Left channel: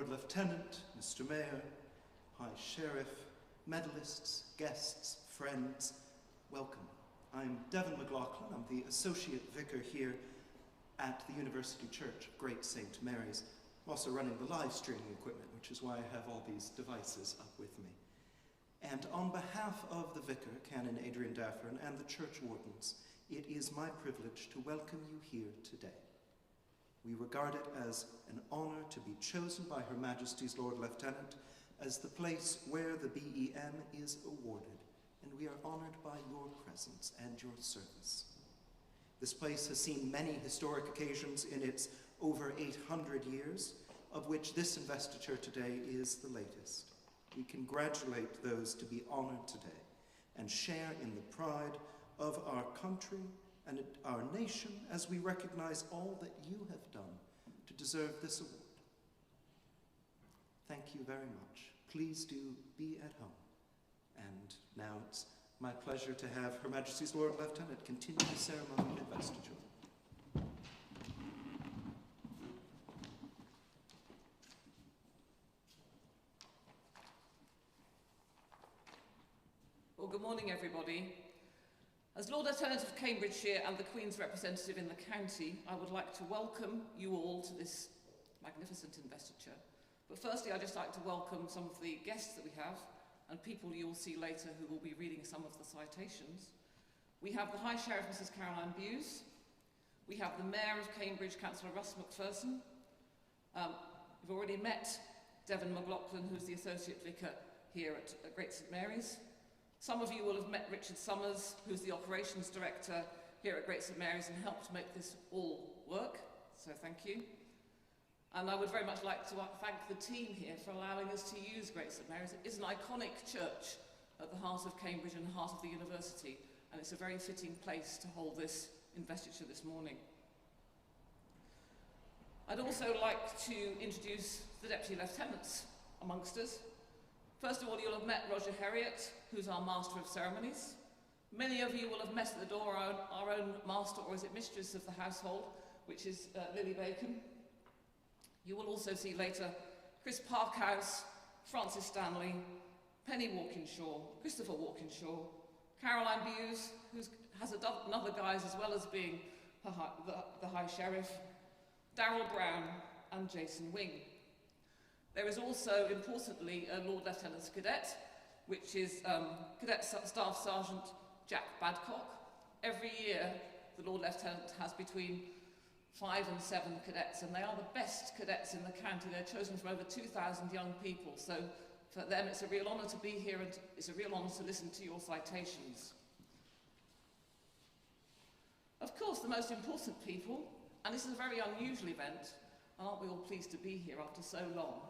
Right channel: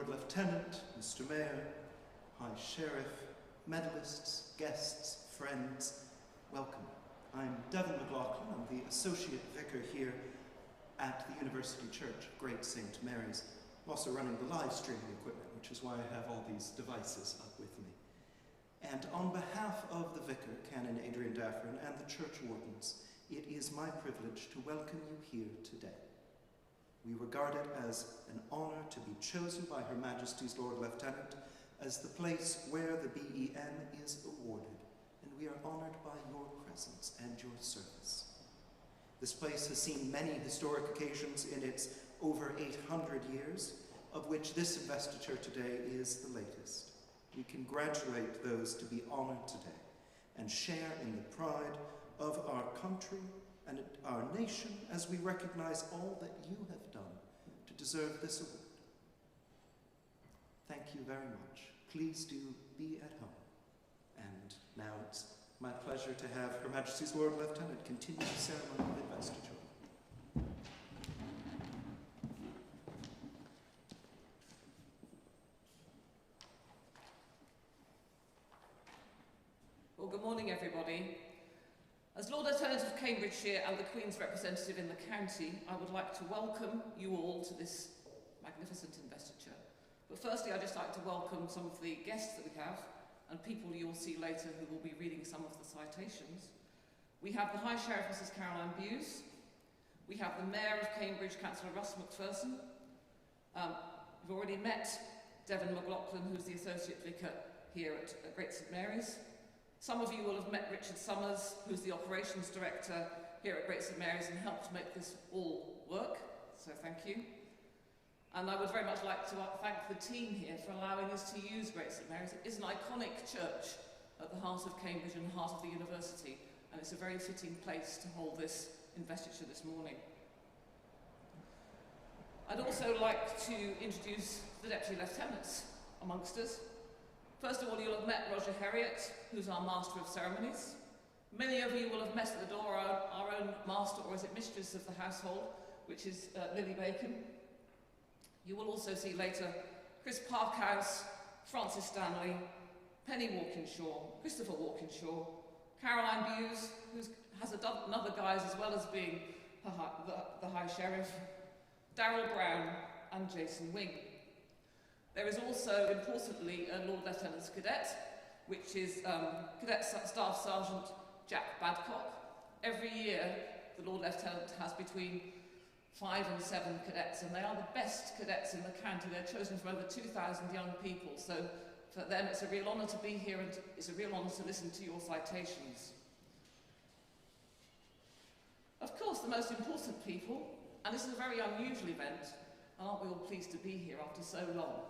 Lord Lieutenant, Mr. Mayor, High Sheriff, medalists, guests, friends, welcome. I'm Devin McLaughlin. I'm the Associate Vicar here at the University Church of Great St. Mary's. I'm also running the live streaming equipment, which is why I have all these devices up with me. And on behalf of the Vicar, Canon Adrian Daffern, and the church wardens, it is my privilege to welcome you here today. We regard it as an honor to be chosen by Her Majesty's Lord Lieutenant as the place where the BEM is awarded, and we are honored by your presence and your service. This place has seen many historic occasions in its over 800 years, of which this investiture today is the latest. We congratulate those to be honored today and share in the pride of our country and our nation as we recognize all that you have done to deserve this award. Thank you very much. Please do be at home. And now it's my pleasure to have Her Majesty's Lord Lieutenant continue the ceremony of investiture. Well, good morning, everybody. As Lord Lieutenant of Cambridgeshire and the Queen's representative in the county, I would like to welcome you all to this magnificent investiture. But firstly, I'd just like to welcome some of the guests that we have and people you'll see later who will be reading some of the citations. We have the High Sheriff, Mrs. Caroline Bewes. We have the Mayor of Cambridge, Councillor Russ McPherson. We've already met Devin McLaughlin, who's the Associate Vicar here at Great St. Mary's. Some of you will have met Richard Summers, who's the Operations Director here at Great St. Mary's and helped make this all work, so thank you. And I would very much like to thank the team here for allowing us to use Great St. Mary's. It is an iconic church at the heart of Cambridge and the heart of the university, and it's a very fitting place to hold this investiture this morning. I'd also like to introduce the Deputy Lieutenants amongst us. First of all, you'll have met Roger Herriot, who's our Master of Ceremonies. Many of you will have met at the door our own Master, or is it Mistress of the household, which is Lily Bacon. You will also see later Chris Parkhouse, Francis Stanley, Penny Walkinshaw, Christopher Walkinshaw, Caroline Bewes, who has another guise as well as being the High Sheriff, Darrell Brown, and Jason Wing. There is also, importantly, a Lord Lieutenant's Cadet, which is Cadet Staff Sergeant Jack Badcock. Every year, the Lord Lieutenant has between 5 and 7 cadets, and they are the best cadets in the county. They're chosen from over 2,000 young people, so for them it's a real honour to be here, and it's a real honour to listen to your citations. Of course, the most important people, and this is a very unusual event, and aren't we all pleased to be here after so long?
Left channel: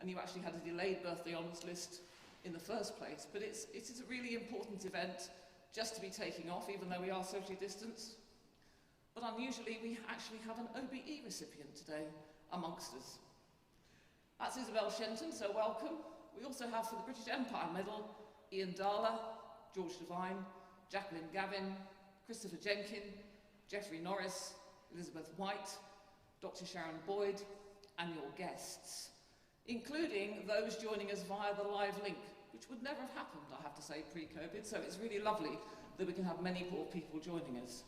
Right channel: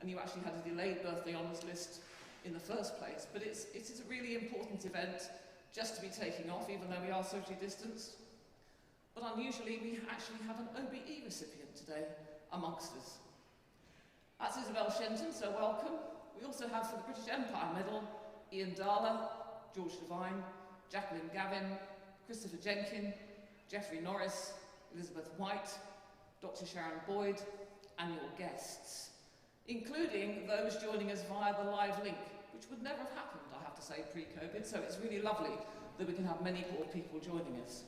And you actually had a delayed birthday honours list in the first place, but it is a really important event just to be taking off, even though we are socially distanced. But unusually, we actually have an OBE recipient today amongst us. That's Isabel Shenton, so welcome. We also have for the British Empire Medal, Ian Darla, George Devine, Jacqueline Gavin, Christopher Jenkin, Geoffrey Norris, Elizabeth White, Dr. Sharon Boyd, and your guests, including those joining us via the live link, which would never have happened, I have to say, pre-COVID, so it's really lovely that we can have many more people joining us.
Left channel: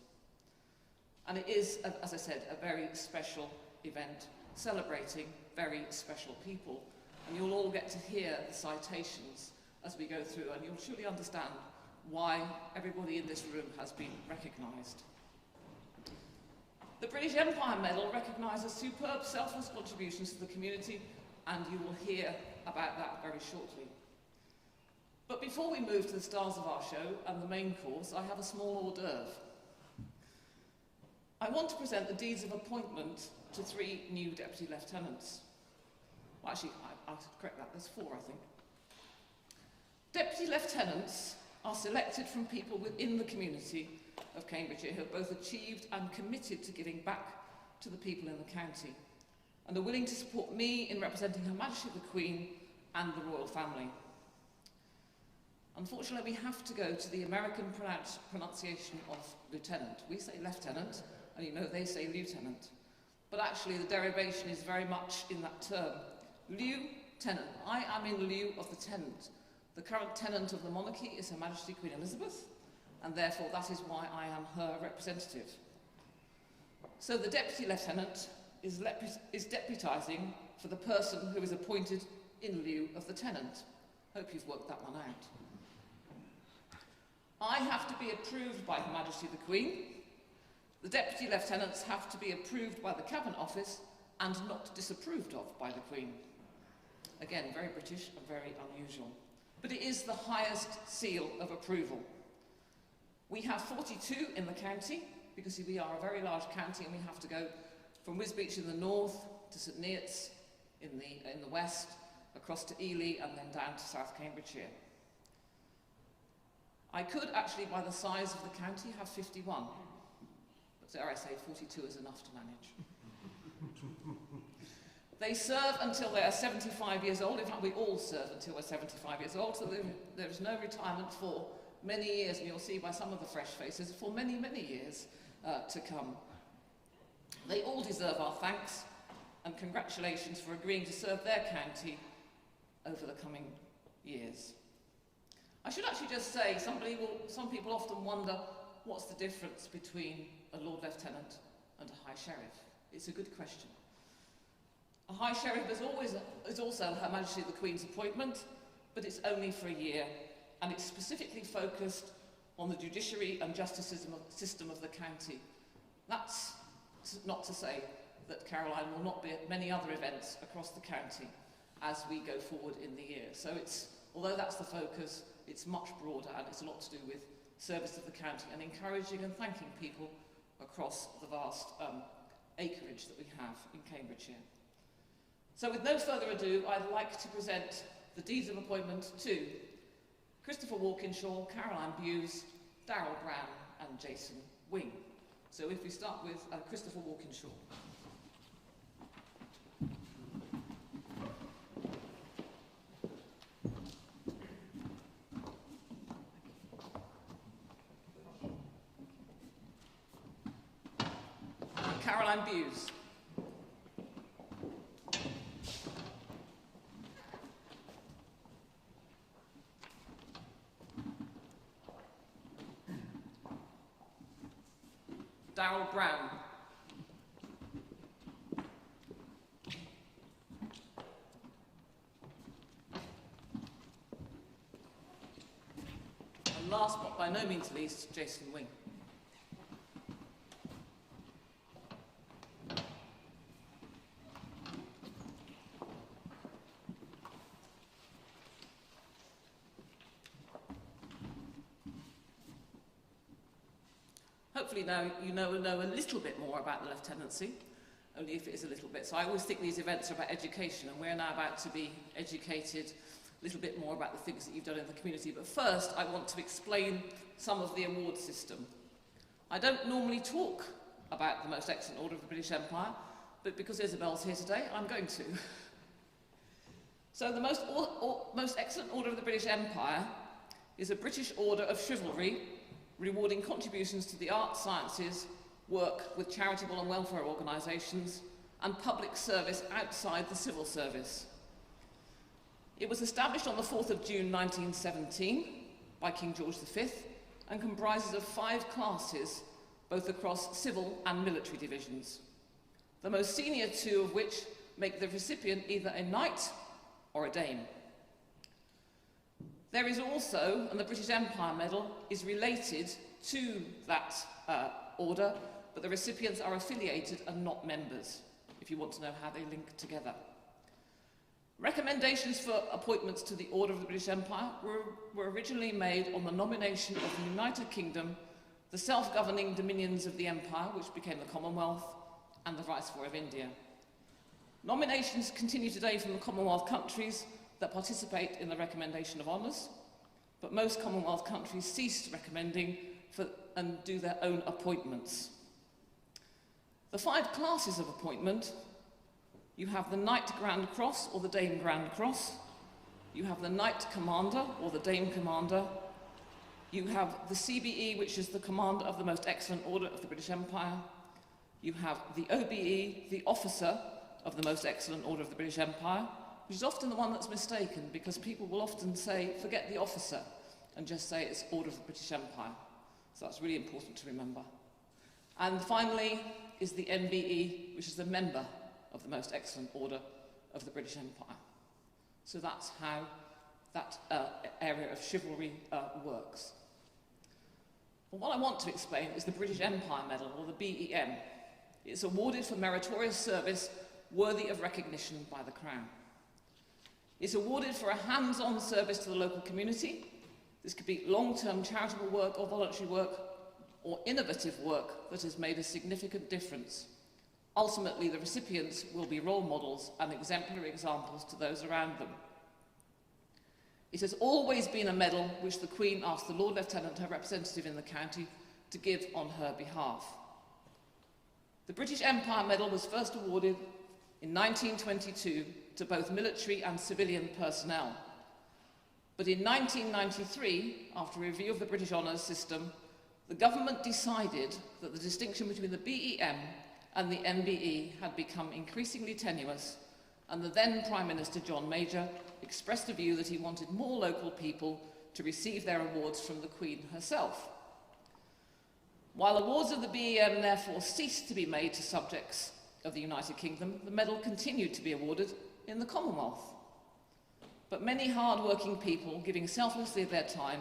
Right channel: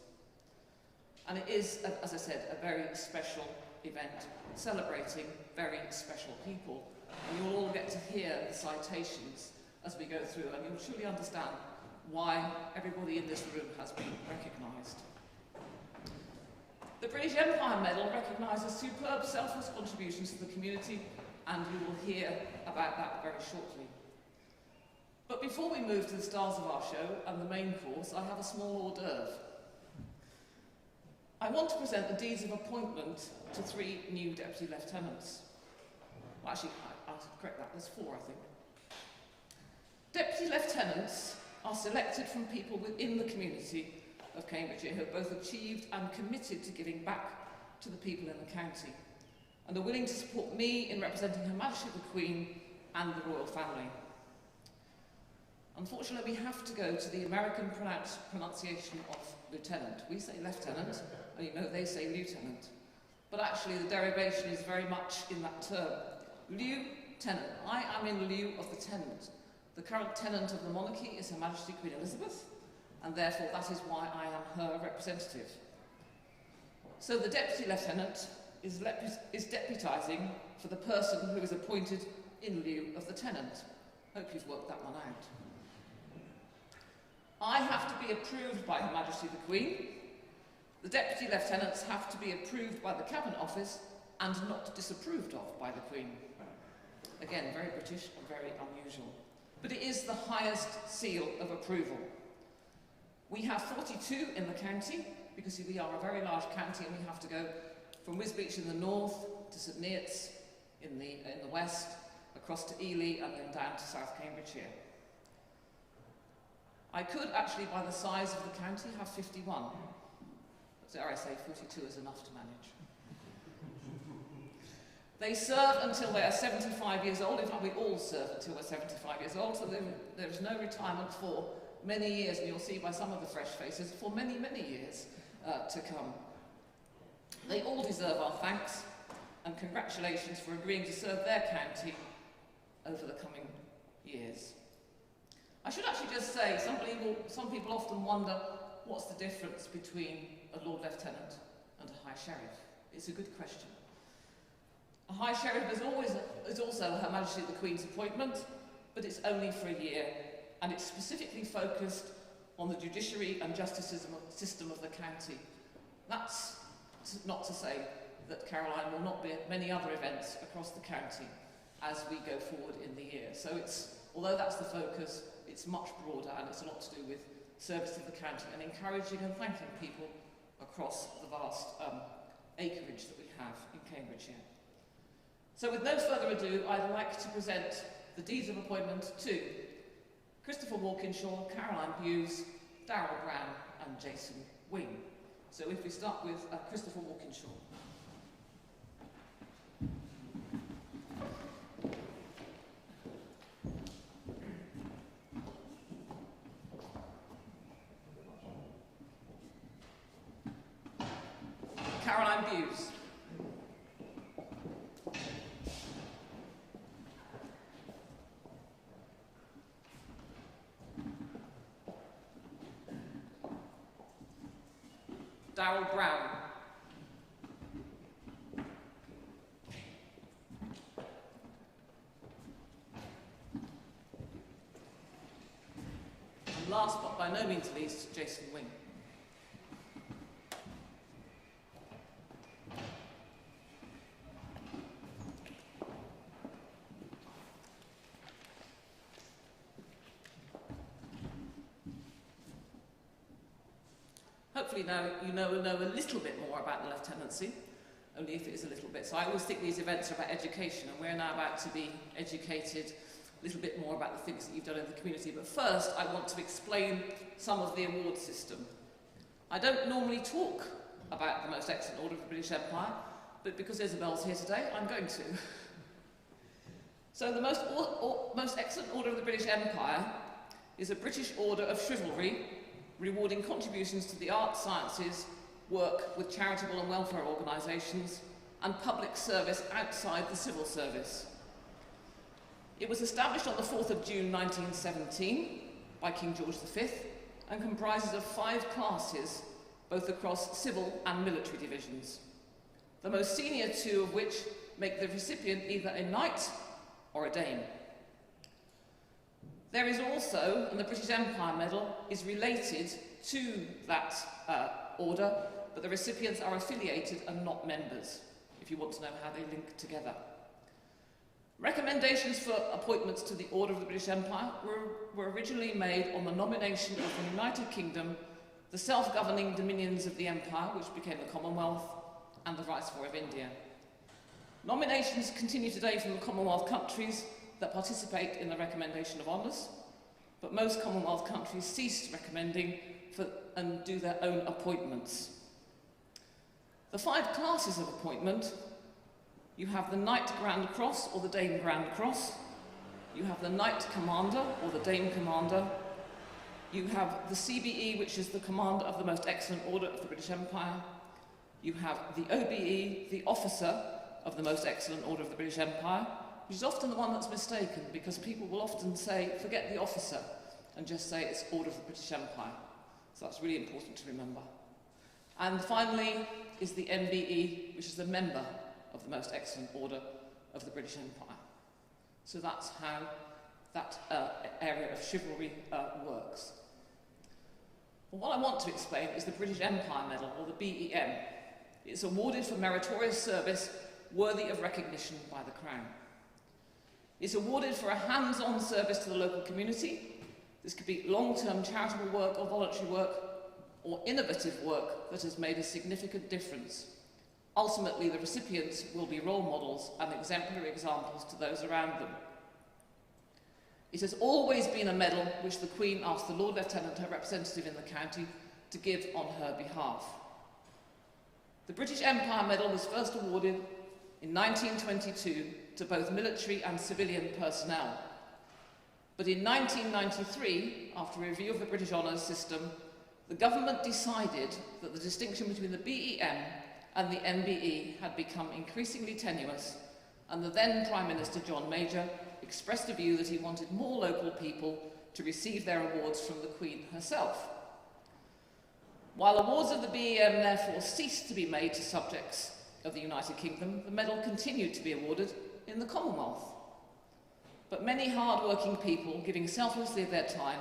And it is, as I said, a very special event, celebrating very special people. And you'll all get to hear the citations as we go through, and you'll truly understand why everybody in this room has been recognised. The British Empire Medal recognises superb selfless contributions to the community, and you will hear about that very shortly. But before we move to the stars of our show and the main course, I have a small hors d'oeuvre. I want to present the deeds of appointment to 3 new Deputy Lieutenants. Well, actually, I should correct that, there's 4, I think. Deputy Lieutenants are selected from people within the community of Cambridgeshire who have both achieved and committed to giving back to the people in the county, and are willing to support me in representing Her Majesty the Queen and the royal family. Unfortunately, we have to go to the American pronunciation of lieutenant. We say lieutenant, and you know they say lieutenant. But actually, the derivation is very much in that term. Lieutenant. I am in lieu of the tenant. The current tenant of the monarchy is Her Majesty Queen Elizabeth, and therefore that is why I am her representative. So the Deputy Lieutenant is deputising for the person who is appointed in lieu of the tenant. Hope you've worked that one out. I have to be approved by Her Majesty the Queen. The Deputy Lieutenants have to be approved by the Cabinet Office and not disapproved of by the Queen. Again, very British and very unusual. But it is the highest seal of approval. We have 42 in the county, because we are a very large county and we have to go from Wisbech in the north to St Neots in the west, across to Ely and then down to South Cambridgeshire. I could actually, by the size of the county, have 51, but dare I say 42 is enough to manage. They serve until they are 75 years old. In fact, we all serve until we're 75 years old, so there is no retirement for many years, and you'll see by some of the fresh faces, for many, many years to come. They all deserve our thanks and congratulations for agreeing to serve their county over the coming years. I should actually just say, some people often wonder what's the difference between a Lord Lieutenant and a High Sheriff. It's a good question. A High Sheriff is also Her Majesty the Queen's appointment, but it's only for a year, and it's specifically focused on the judiciary and justice system of the county. That's not to say that Caroline will not be at many other events across the county as we go forward in the year. So although that's the focus, it's much broader, and it's a lot to do with service of the county and encouraging and thanking people across the vast acreage that we have in Cambridgeshire. So with no further ado, I'd like to present the deeds of appointment to Christopher Walkinshaw, Caroline Bewes, Darrell Brown and Jason Wing. So if we start with Christopher Walkinshaw. Caroline Bewes. Darrell Brown. And last but by no means least, Jason Wing. Hopefully now you know a little bit more about the lieutenancy, only if it is a little bit. So I always think these events are about education, and we're now about to be educated a little bit more about the things that you've done in the community. But first, I want to explain some of the award system. I don't normally talk about the Most Excellent Order of the British Empire, but because Isabel's here today, I'm going to. So the Most Excellent Order of the British Empire is a British order of chivalry rewarding contributions to the arts, sciences, work with charitable and welfare organisations, and public service outside the civil service. It was established on the 4th of June 1917 by King George V and comprises of 5 classes, both across civil and military divisions, the most senior 2 of which make the recipient either a knight or a dame. There is also, and the British Empire Medal is related to that order, but the recipients are affiliated and not members, if you want to know how they link together. Recommendations for appointments to the Order of the British Empire were originally made on the nomination of the United Kingdom, the self-governing dominions of the Empire, which became the Commonwealth, and the Viceroy of India. Nominations continue today from the Commonwealth countries that participate in the recommendation of honours, but most Commonwealth countries ceased recommending and do their own appointments. The 5 classes of appointment: you have the Knight Grand Cross or the Dame Grand Cross, you have the Knight Commander or the Dame Commander, you have the CBE, which is the Commander of the Most Excellent Order of the British Empire, you have the OBE, the Officer of the Most Excellent Order of the British Empire, which is often the one that's mistaken because people will often say, forget the officer, and just say it's Order of the British Empire. So that's really important to remember. And finally is the MBE, which is a member of the Most Excellent Order of the British Empire. So that's how that area of chivalry works. Well, what I want to explain is the British Empire Medal, or the BEM. It's awarded for meritorious service worthy of recognition by the Crown. It's awarded for a hands-on service to the local community. This could be long-term charitable work or voluntary work, or innovative work that has made a significant difference. Ultimately, the recipients will be role models and exemplary examples to those around them. It has always been a medal which the Queen asked the Lord Lieutenant, her representative in the county, to give on her behalf. The British Empire Medal was first awarded in 1922 to both military and civilian personnel. But in 1993, after a review of the British Honours System, the government decided that the distinction between the BEM and the MBE had become increasingly tenuous, and the then Prime Minister, John Major, expressed a view that he wanted more local people to receive their awards from the Queen herself. While awards of the BEM therefore ceased to be made to subjects of the United Kingdom, the medal continued to be awarded in the Commonwealth. But many hard-working people, giving selflessly of their time,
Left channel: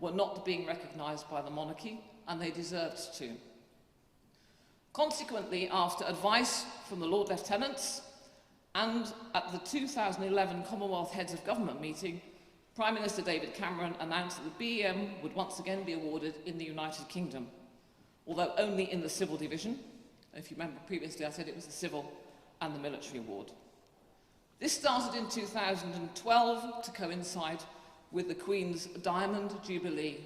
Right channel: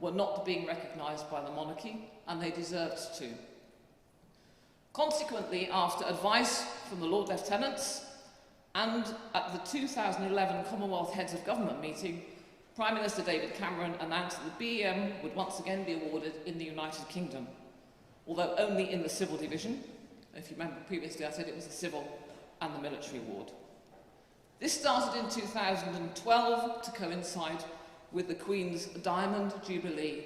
were not being recognised by the monarchy, and they deserved to. Consequently, after advice from the Lord Lieutenants and at the 2011 Commonwealth Heads of Government meeting, Prime Minister David Cameron announced that the BEM would once again be awarded in the United Kingdom, although only in the civil division. If you remember previously, I said it was the civil and the military award. This started in 2012 to coincide with the Queen's Diamond Jubilee,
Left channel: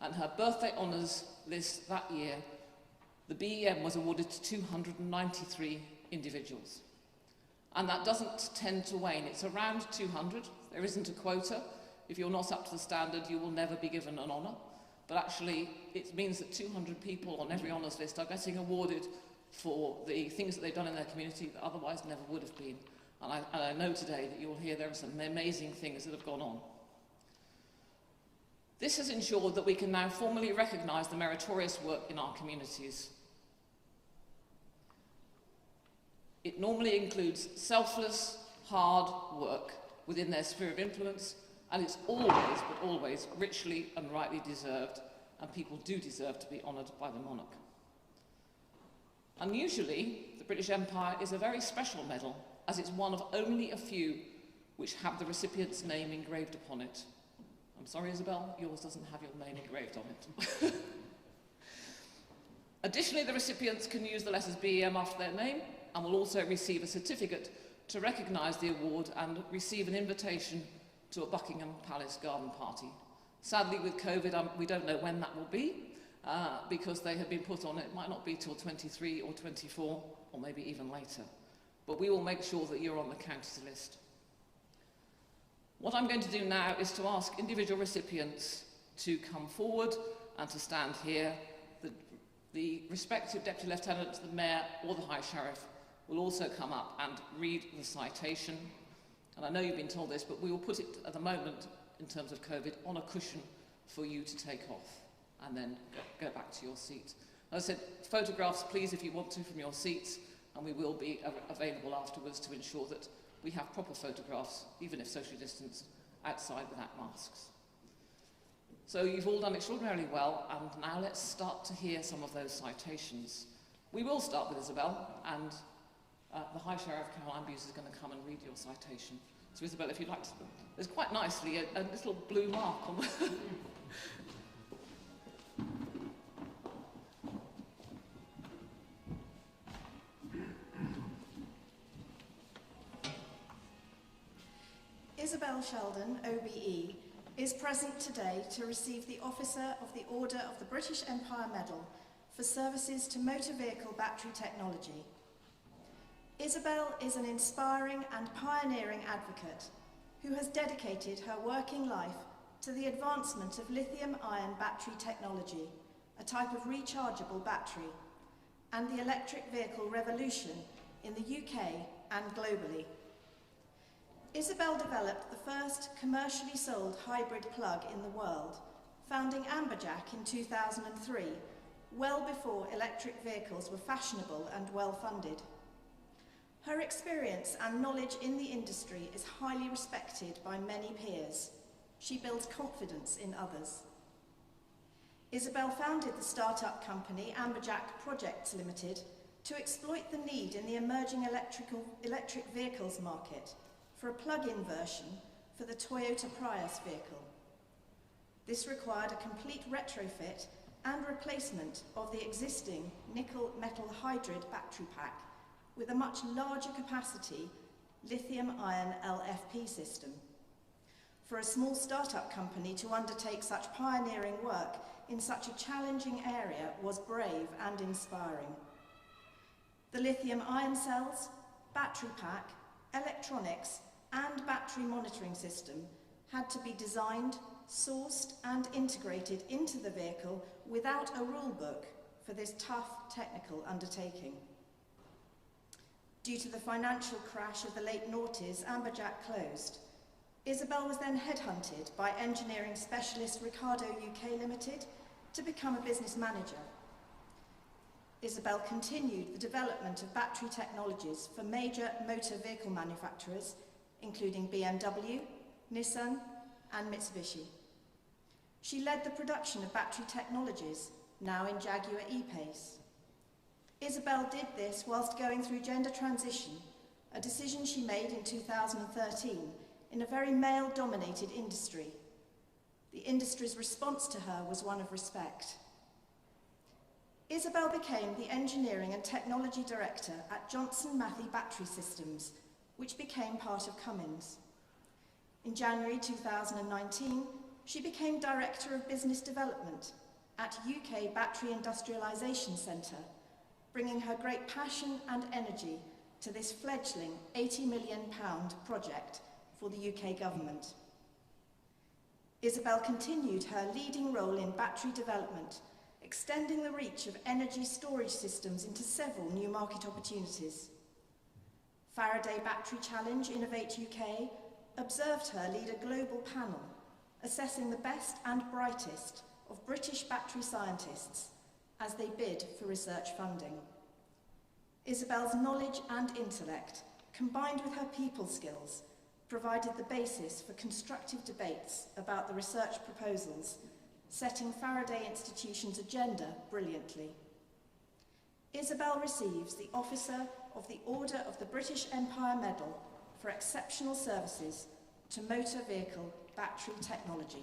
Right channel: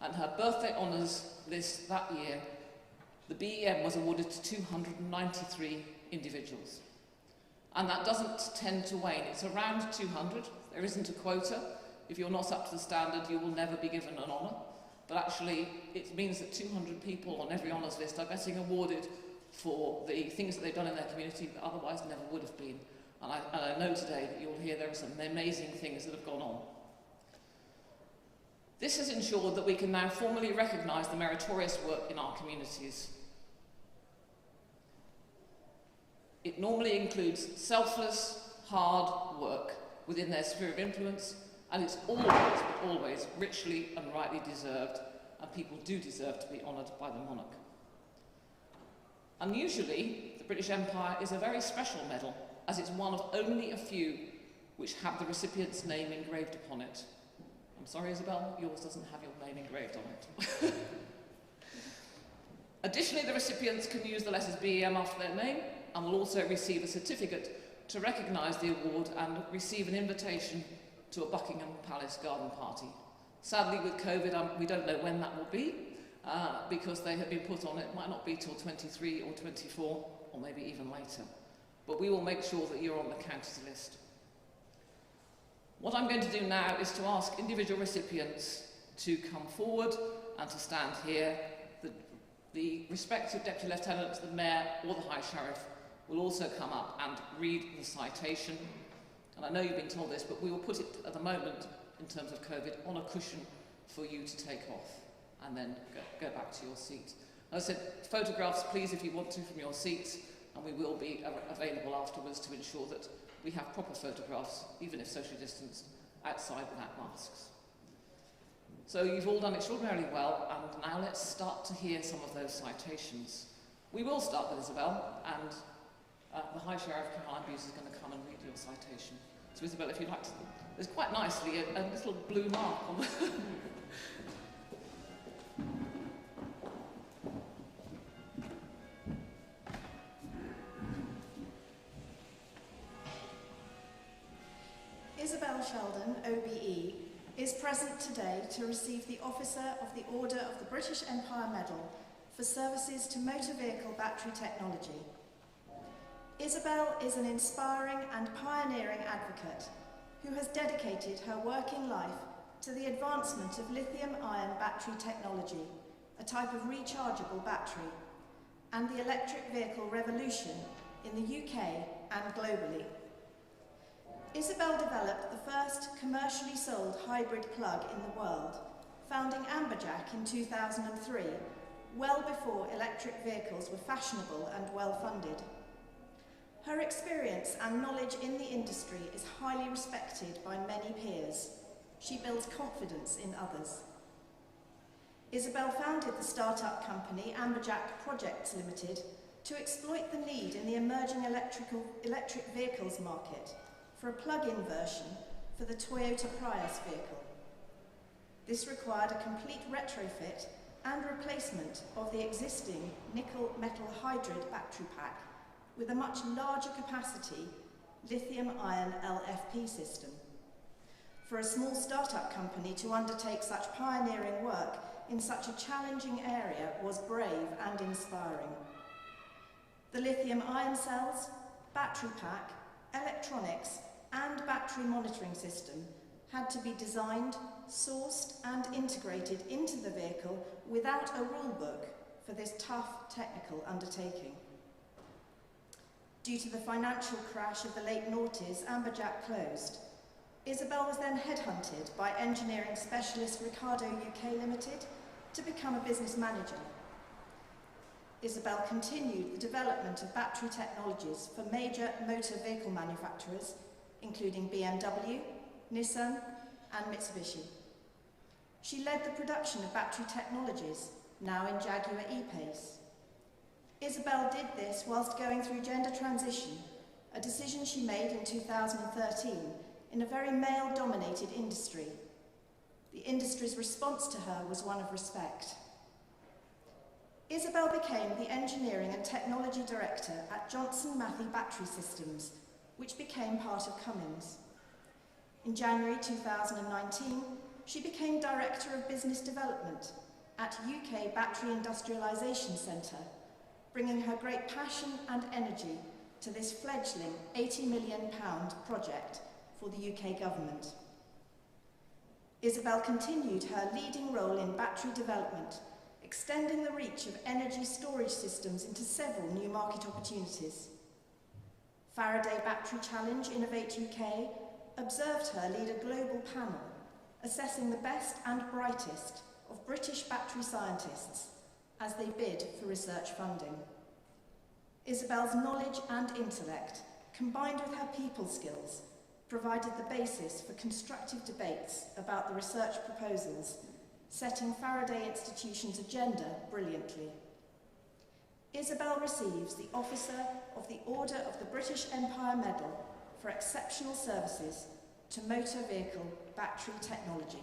and her birthday honours list that year, the BEM was awarded to 293 individuals. And that doesn't tend to wane. It's around 200. There isn't a quota. If you're not up to the standard, you will never be given an honour. But actually, it means that 200 people on every honours list are getting awarded for the things that they've done in their community that otherwise never would have been. And I know today that you'll hear there are some amazing things that have gone on. This has ensured that we can now formally recognise the meritorious work in our communities. It normally includes selfless, hard work within their sphere of influence, and it's always, but always, richly and rightly deserved, and people do deserve to be honoured by the monarch. Unusually, the British Empire is a very special medal, as it's one of only a few which have the recipient's name engraved upon it. I'm sorry, Isabel, yours doesn't have your name engraved on it. Additionally, the recipients can use the letters BEM after their name, and will also receive a certificate to recognise the award and receive an invitation to a Buckingham Palace garden party. Sadly, with COVID, we don't know when that will be, because they have been put on. It might not be till 23 or 24, or maybe even later. But we will make sure that you're on the county's list. What I'm going to do now is to ask individual recipients to come forward and to stand here. The respective Deputy Lieutenant, the Mayor or the High Sheriff will also come up and read the citation. And I know you've been told this, but we will put it at the moment, in terms of COVID, on a cushion for you to take off and then go back to your seat. As I said, photographs, please, if you want to, from your seats, and we will be available afterwards to ensure that we have proper photographs, even if socially distanced, outside without masks. So you've all done extraordinarily well, and now let's start to hear some of those citations. We will start with Isabel, and the High Sheriff, Caroline Buse, is going to come and read your citation. So Isabel, if you'd like to... There's quite nicely a little blue mark on the... Isabel Sheldon, OBE, is present today to receive the Officer of the Order of the British Empire Medal for services to motor vehicle battery technology. Isabel is an inspiring and pioneering advocate who has dedicated her working life to the advancement of lithium-ion battery technology, a type of rechargeable battery, and the electric vehicle revolution in the UK and globally. Isabel developed the first commercially sold hybrid plug in the world, founding Amberjack in 2003, well before electric vehicles were fashionable and well-funded. Her experience and knowledge in the industry is highly respected by many peers. She builds confidence in others. Isabel founded the start-up company Amberjack Projects Limited to exploit the need in the emerging electric vehicles market for a plug-in version for the Toyota Prius vehicle. This required a complete retrofit and replacement of the existing nickel metal hydride battery pack with a much larger capacity lithium-ion LFP system. For a small startup company to undertake such pioneering work in such a challenging area was brave and inspiring. The lithium-ion cells, battery pack, electronics, and battery monitoring system had to be designed, sourced, and integrated into the vehicle without a rule book for this tough technical undertaking. Due to the financial crash of the late noughties, Amberjack closed. Isabel was then headhunted by engineering specialist Ricardo UK Limited to become a business manager. Isabel continued the development of battery technologies for major motor vehicle manufacturers, including BMW, Nissan, and Mitsubishi. She led the production of battery technologies, now in Jaguar E-Pace. Isabel did this whilst going through gender transition, a decision she made in 2013 in a very male-dominated industry. The industry's response to her was one of respect. Isabel became the Engineering and Technology Director at Johnson Matthey Battery Systems, which became part of Cummins. In January 2019, she became Director of Business Development at UK Battery Industrialisation Centre, bringing her great passion and energy to this fledgling £80 million project for the UK government. Isabel continued her leading role in battery development, extending the reach of energy storage systems into several new market opportunities. Faraday Battery Challenge Innovate UK observed her lead a global panel assessing the best and brightest of British battery scientists as they bid for research funding. Isabel's knowledge and intellect, combined with her people skills, provided the basis for constructive debates about the research proposals, setting Faraday Institution's agenda brilliantly. Isabel receives the Officer of the Order of the British Empire Medal for exceptional services to motor vehicle battery technology.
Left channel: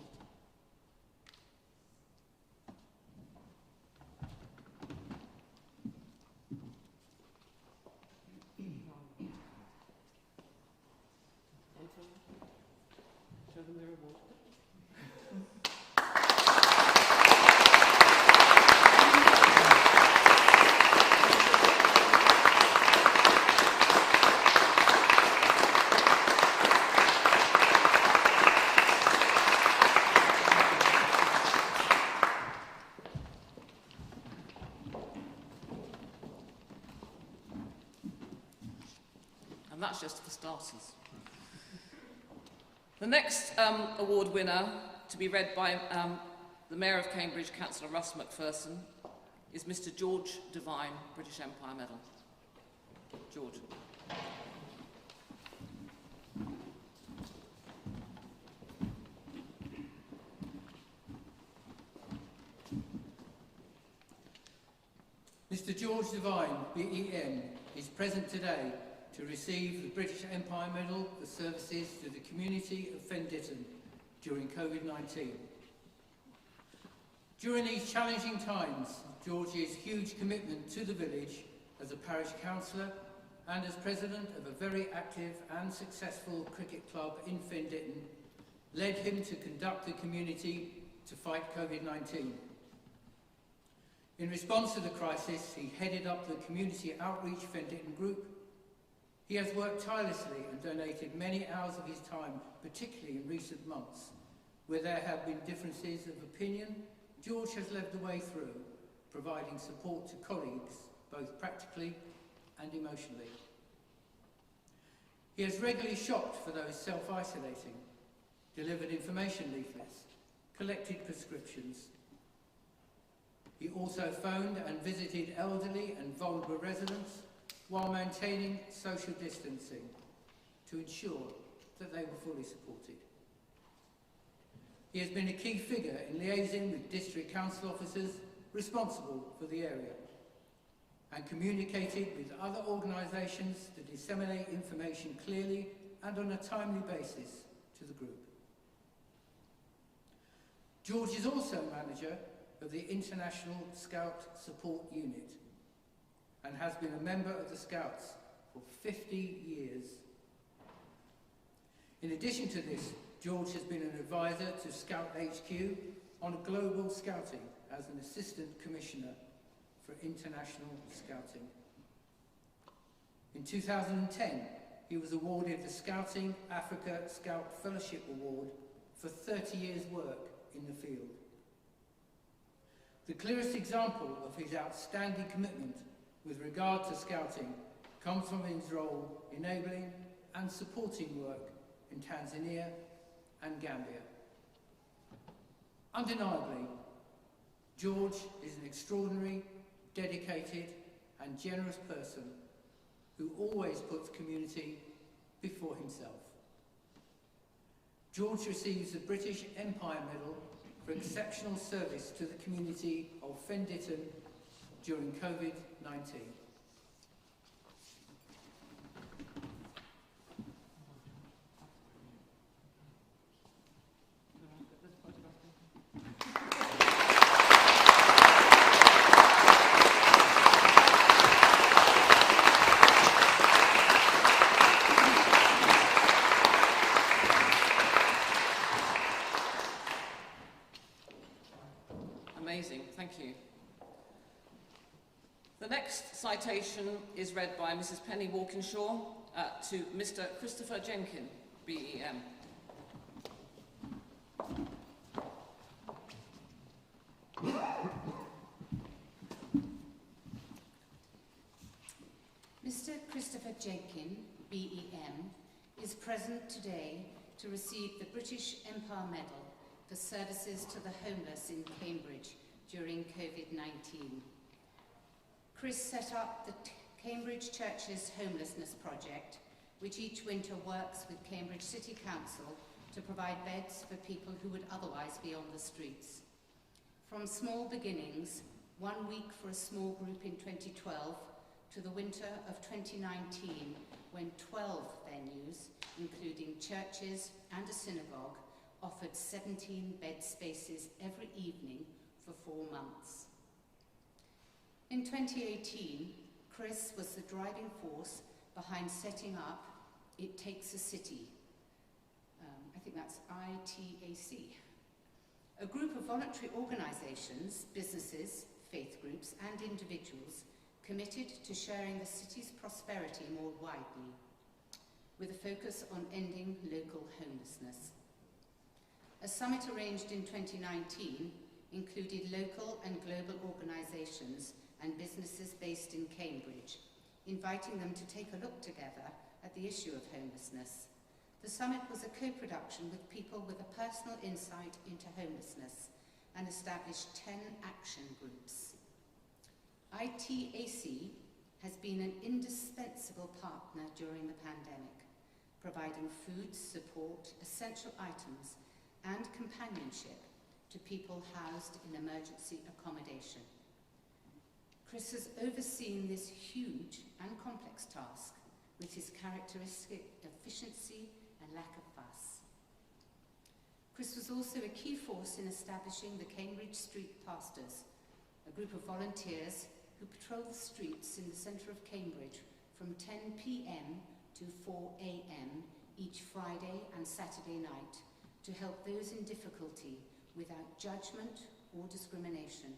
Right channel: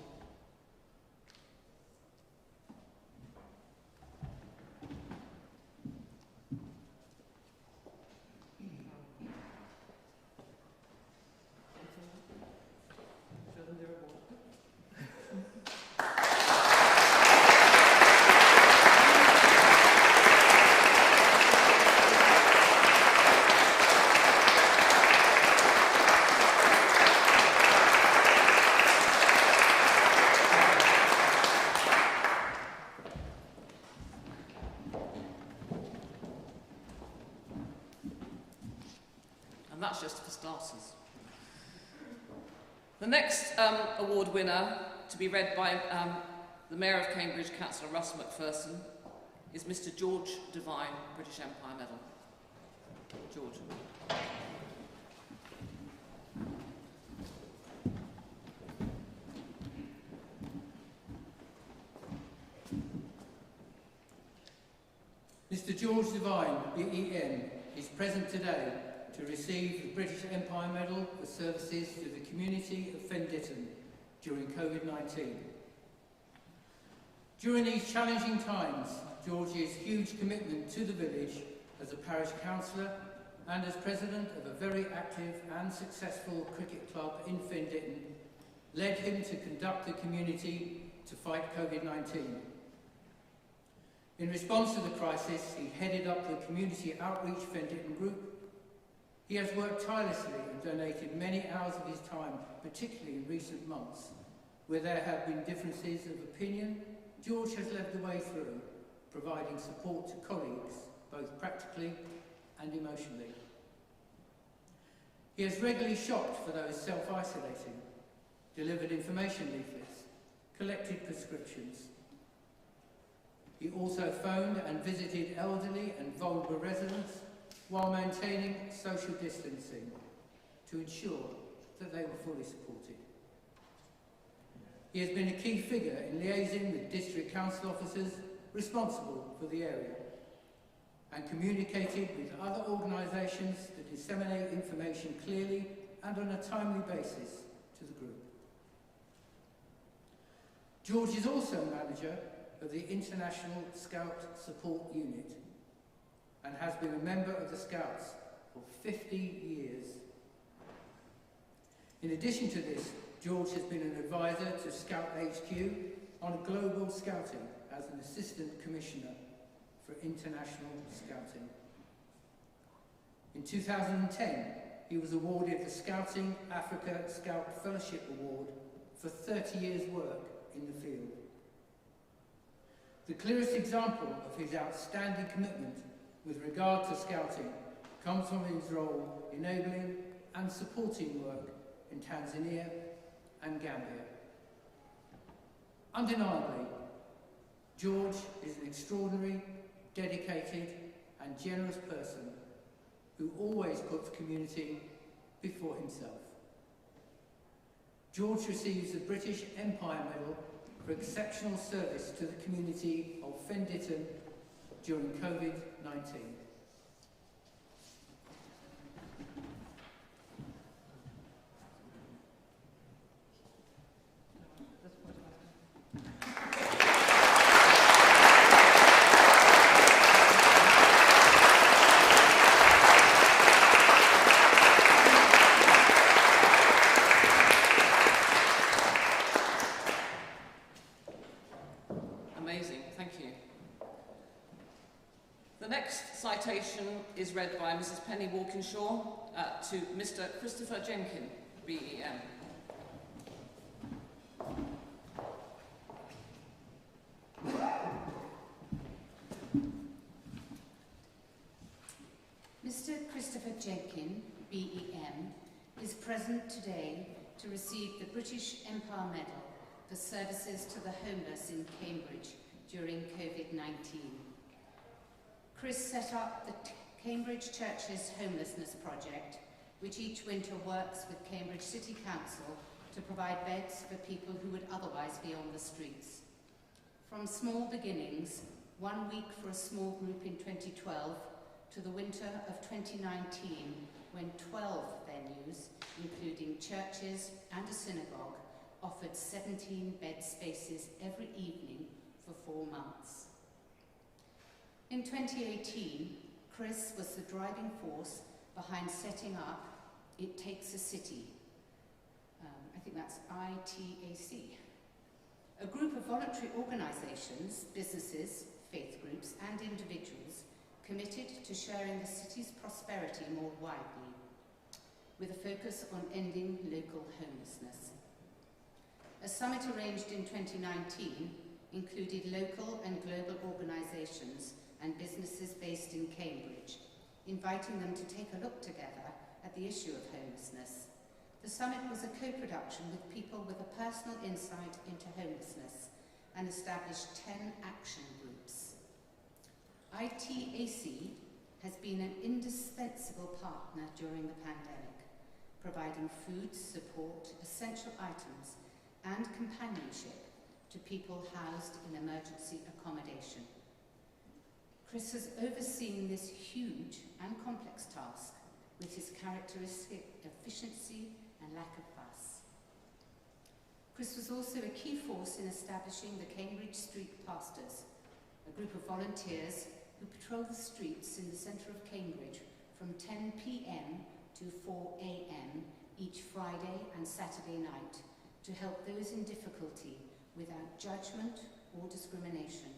That's just for starters. The next award winner, to be read by the Mayor of Cambridge, Councillor Russ McPherson, is Mr. George Devine, British Empire Medal. George. Mr. George Devine, BEM, is present today to receive the British Empire Medal for services to the community of Fen Ditton during COVID-19. During these challenging times, George's huge commitment to the village as a parish councillor and as president of a very active and successful cricket club in Fen Ditton led him to conduct the community to fight COVID-19. In response to the crisis, he headed up the Community Outreach Fen Ditton group. He has worked tirelessly and donated many hours of his time, particularly in recent months, where there have been differences of opinion. George has led the way through, providing support to colleagues, both practically and emotionally. He has regularly shopped for those self-isolating, delivered information leaflets, collected prescriptions. He also phoned and visited elderly and vulnerable residents while maintaining social distancing to ensure that they were fully supported. He has been a key figure in liaising with district council officers responsible for the area and communicated with other organisations to disseminate information clearly and on a timely basis to the group. George is also manager of the International Scout Support Unit and has been a member of the Scouts for 50 years. In addition to this, George has been an advisor to Scout HQ on global scouting as an assistant commissioner for international scouting. In 2010, he was awarded the Scouting Africa Scout Fellowship Award for 30 years' work in the field. The clearest example of his outstanding commitment with regard to scouting comes from his role enabling and supporting work in Tanzania and Gambia. Undeniably, George is an extraordinary, dedicated and generous person who always puts community before himself. George receives the British Empire Medal for exceptional service to the community of Fen Ditton during COVID-19. Amazing, thank you. The next citation is read by Mrs. Penny Walkinshaw to Mr. Christopher Jenkin, BEM. Mr. Christopher Jenkin, BEM, is present today to receive the British Empire Medal for services to the homeless in Cambridge during COVID-19. Chris set up the Cambridge Church's Homelessness Project, which each winter works with Cambridge City Council to provide beds for people who would otherwise be on the streets. From small beginnings, 1 week for a small group in 2012, to the winter of 2019, when 12 venues, including churches and a synagogue, offered 17 bed spaces every evening for 4 months. In 2018, Chris was the driving force behind setting up It Takes a City. I think that's ITAC. A group of voluntary organisations, businesses, faith groups and individuals committed to sharing the city's prosperity more widely, with a focus on ending local homelessness. A summit arranged in 2019 included local and global organisations and businesses based in Cambridge, inviting them to take a look together at the issue of homelessness. The summit was a co-production with people with a personal insight into homelessness and established 10 action groups. ITAC has been an indispensable partner during the pandemic, providing food, support, essential items and companionship to people housed in emergency accommodation. Chris has overseen this huge and complex task with his characteristic efficiency and lack of fuss. Chris was also a key force in establishing the Cambridge Street Pastors, a group of volunteers who patrol the streets in the centre of Cambridge from 10 p.m. to 4 a.m. each Friday and Saturday night to help those in difficulty without judgment or discrimination.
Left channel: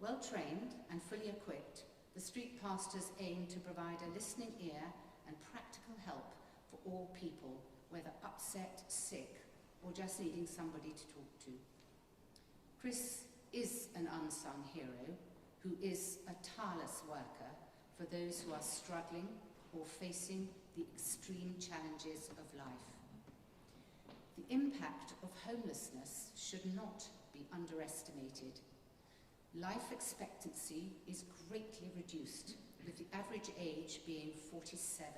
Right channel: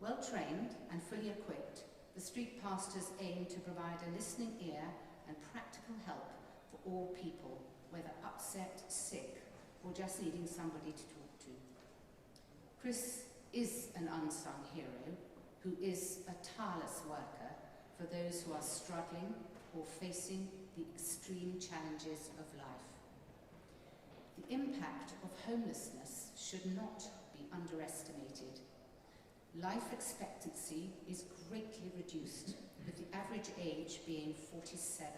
Well trained and fully equipped, the street pastors aim to provide a listening ear and practical help for all people, whether upset, sick, or just needing somebody to talk to. Chris is an unsung hero who is a tireless worker for those who are struggling or facing the extreme challenges of life. The impact of homelessness should not be underestimated. Life expectancy is greatly reduced, with the average age being 47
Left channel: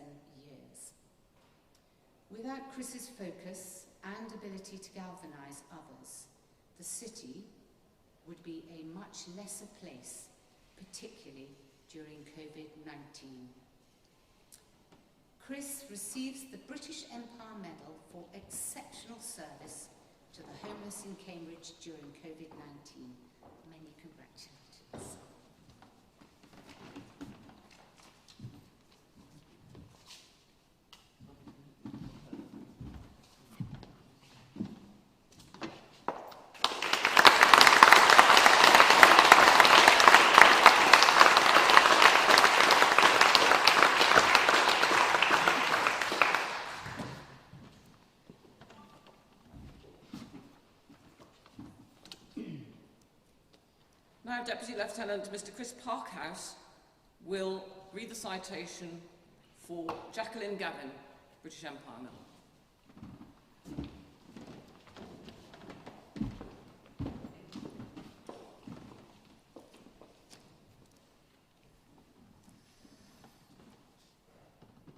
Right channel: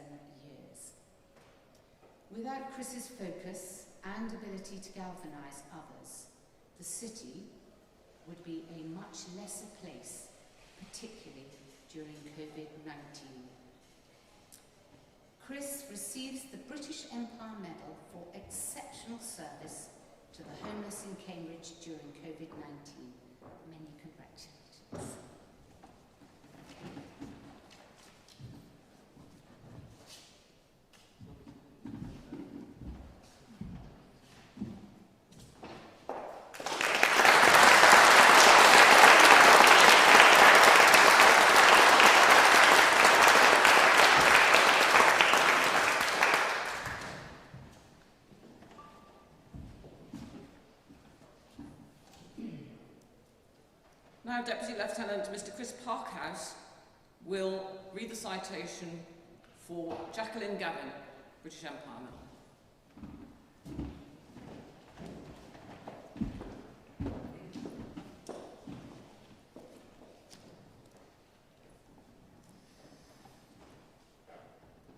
years. Without Chris's focus and ability to galvanise others, the city would be a much lesser place, particularly during COVID-19. Chris receives the British Empire Medal for exceptional service to the homeless in Cambridge during COVID-19. Many congratulations. Now, Deputy Lieutenant Mr. Chris Parkhouse will read the citation for Jacqueline Gavin, British Empire Medal.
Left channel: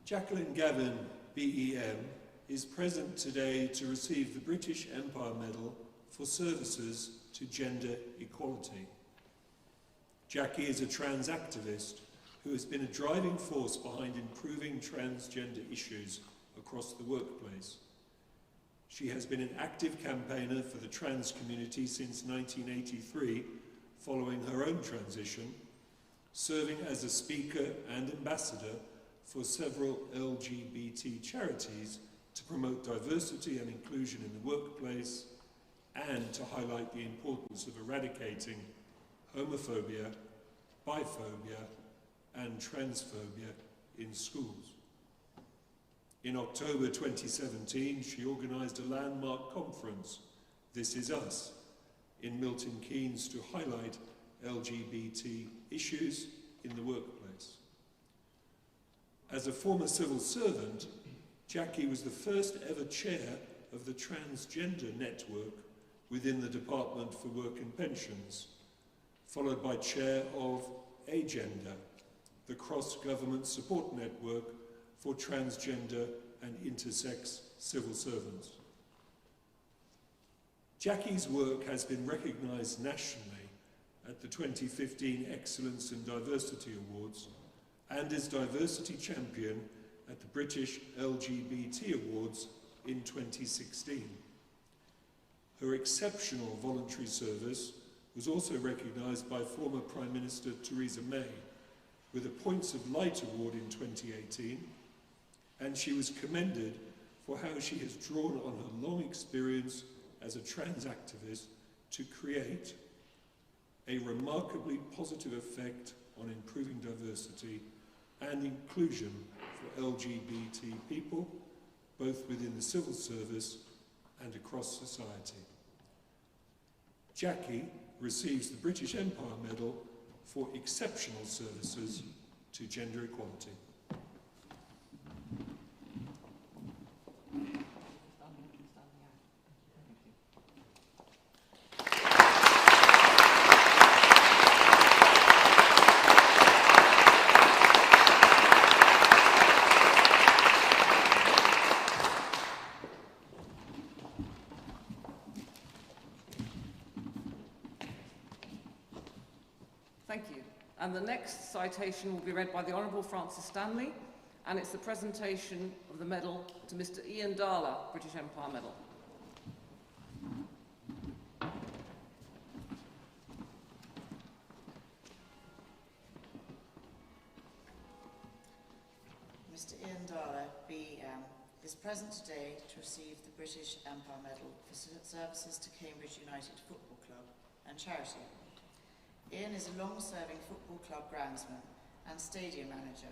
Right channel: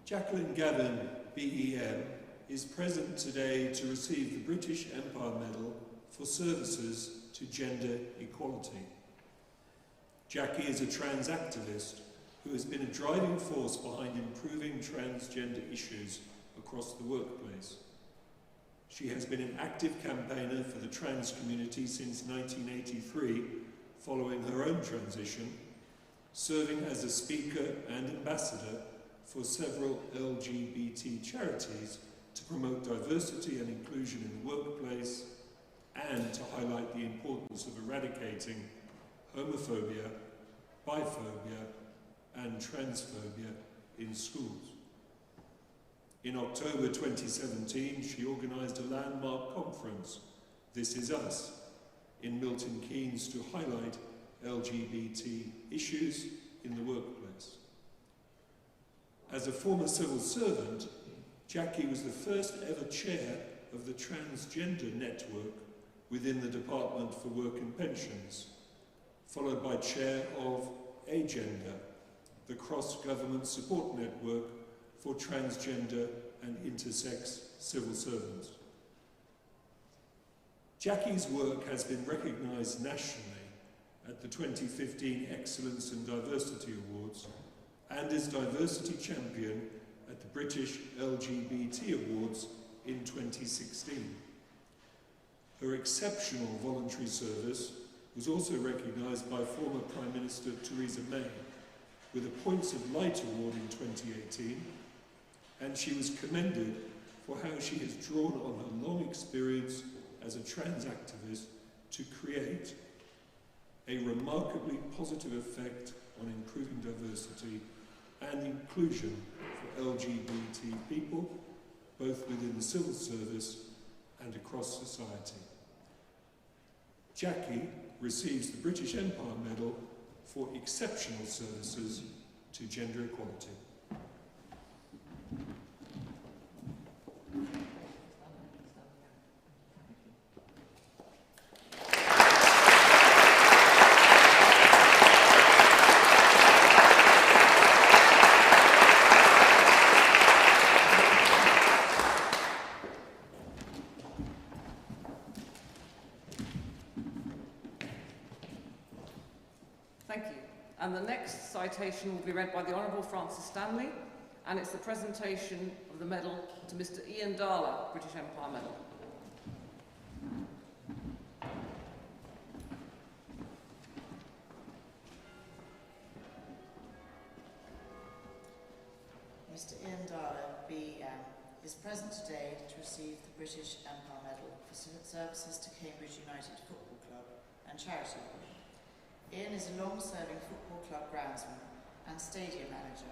Jacqueline Gavin, BEM, is present today to receive the British Empire Medal for services to gender equality. Jackie is a trans activist who has been a driving force behind improving transgender issues across the workplace. She has been an active campaigner for the trans community since 1983, following her own transition, serving as a speaker and ambassador for several LGBT charities to promote diversity and inclusion in the workplace and to highlight the importance of eradicating homophobia, biphobia and transphobia in schools. In October 2017, she organised a landmark conference, This Is Us, in Milton Keynes to highlight LGBT issues in the workplace. As a former civil servant, Jackie was the first ever chair of the Transgender Network within the Department for Work and Pensions, followed by chair of Agenda, the cross-government support network for transgender and intersex civil servants. Jackie's work has been recognised nationally at the 2015 Excellence and Diversity Awards and is Diversity Champion at the British LGBT Awards in 2016. Her exceptional voluntary service was also recognised by former Prime Minister Theresa May with a Points of Light Award in 2018, and she was commended for how she has drawn on her long experience as a trans activist to create a remarkably positive effect on improving diversity and inclusion for LGBT people, both within the civil service and across society. Jackie receives the British Empire Medal for exceptional services to gender equality. Thank you. And the next citation will be read by the Honourable Francis Stanley, and it's the presentation of the medal to Mr. Ian Darla, British Empire Medal. Mr. Ian Darla, BEM, is present today to receive the British Empire Medal for services to Cambridge United Football Club and charity. Ian is a long-serving football club groundsman and stadium manager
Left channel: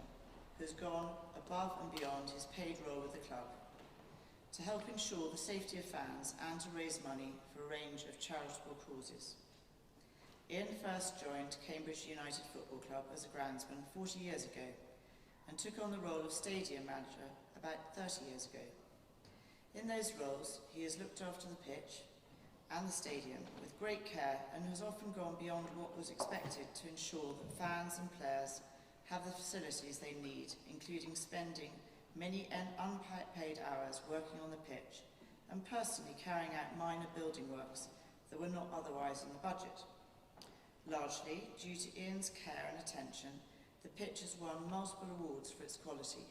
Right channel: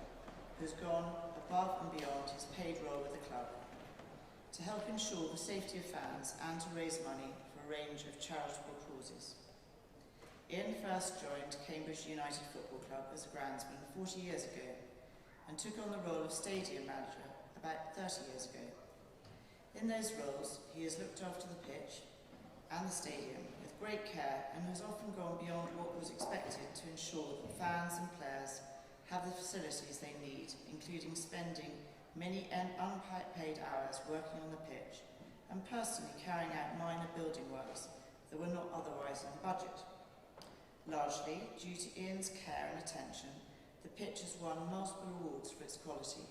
who's gone above and beyond his paid role with the club to help ensure the safety of fans and to raise money for a range of charitable causes. Ian first joined Cambridge United Football Club as a groundsman 40 years ago and took on the role of stadium manager about 30 years ago. In those roles, he has looked after the pitch and the stadium with great care and has often gone beyond what was expected to ensure that fans and players have the facilities they need, including spending many unpaid hours working on the pitch and personally carrying out minor building works that were not otherwise in the budget. Largely, due to Ian's care and attention, the pitch has won multiple awards for its quality.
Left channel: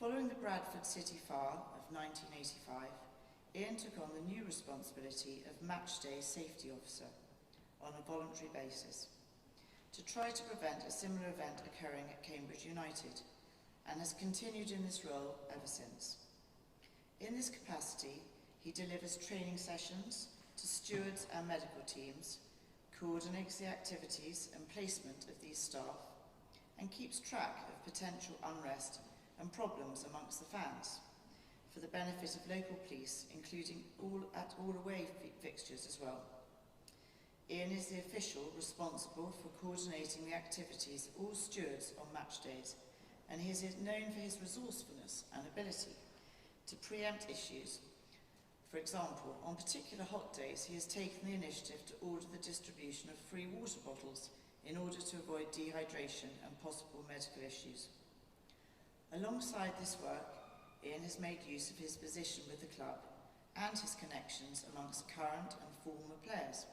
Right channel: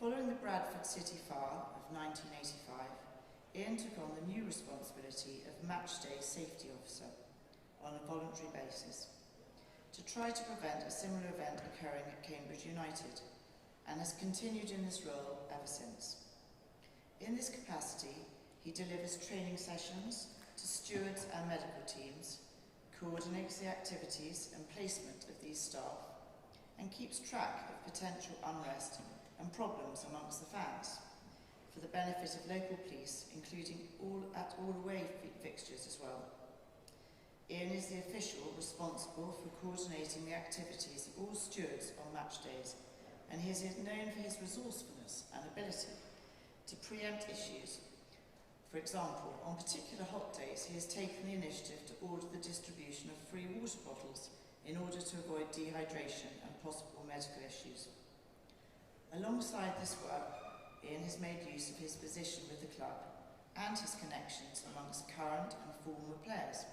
Following the Bradford City Fire of 1985, Ian took on the new responsibility of Matchday Safety Officer on a voluntary basis to try to prevent a similar event occurring at Cambridge United, and has continued in this role ever since. In this capacity, he delivers training sessions to stewards and medical teams, coordinates the activities and placement of these staff, and keeps track of potential unrest and problems amongst the fans, for the benefit of local police, including all away fixtures as well. Ian is the official responsible for coordinating the activities of all stewards on match days, and he is known for his resourcefulness and ability to preempt issues. For example, on particular hot days, he has taken the initiative to order the distribution of free water bottles in order to avoid dehydration and possible medical issues. Alongside this work, Ian has made use of his position with the club and his connections amongst current and former players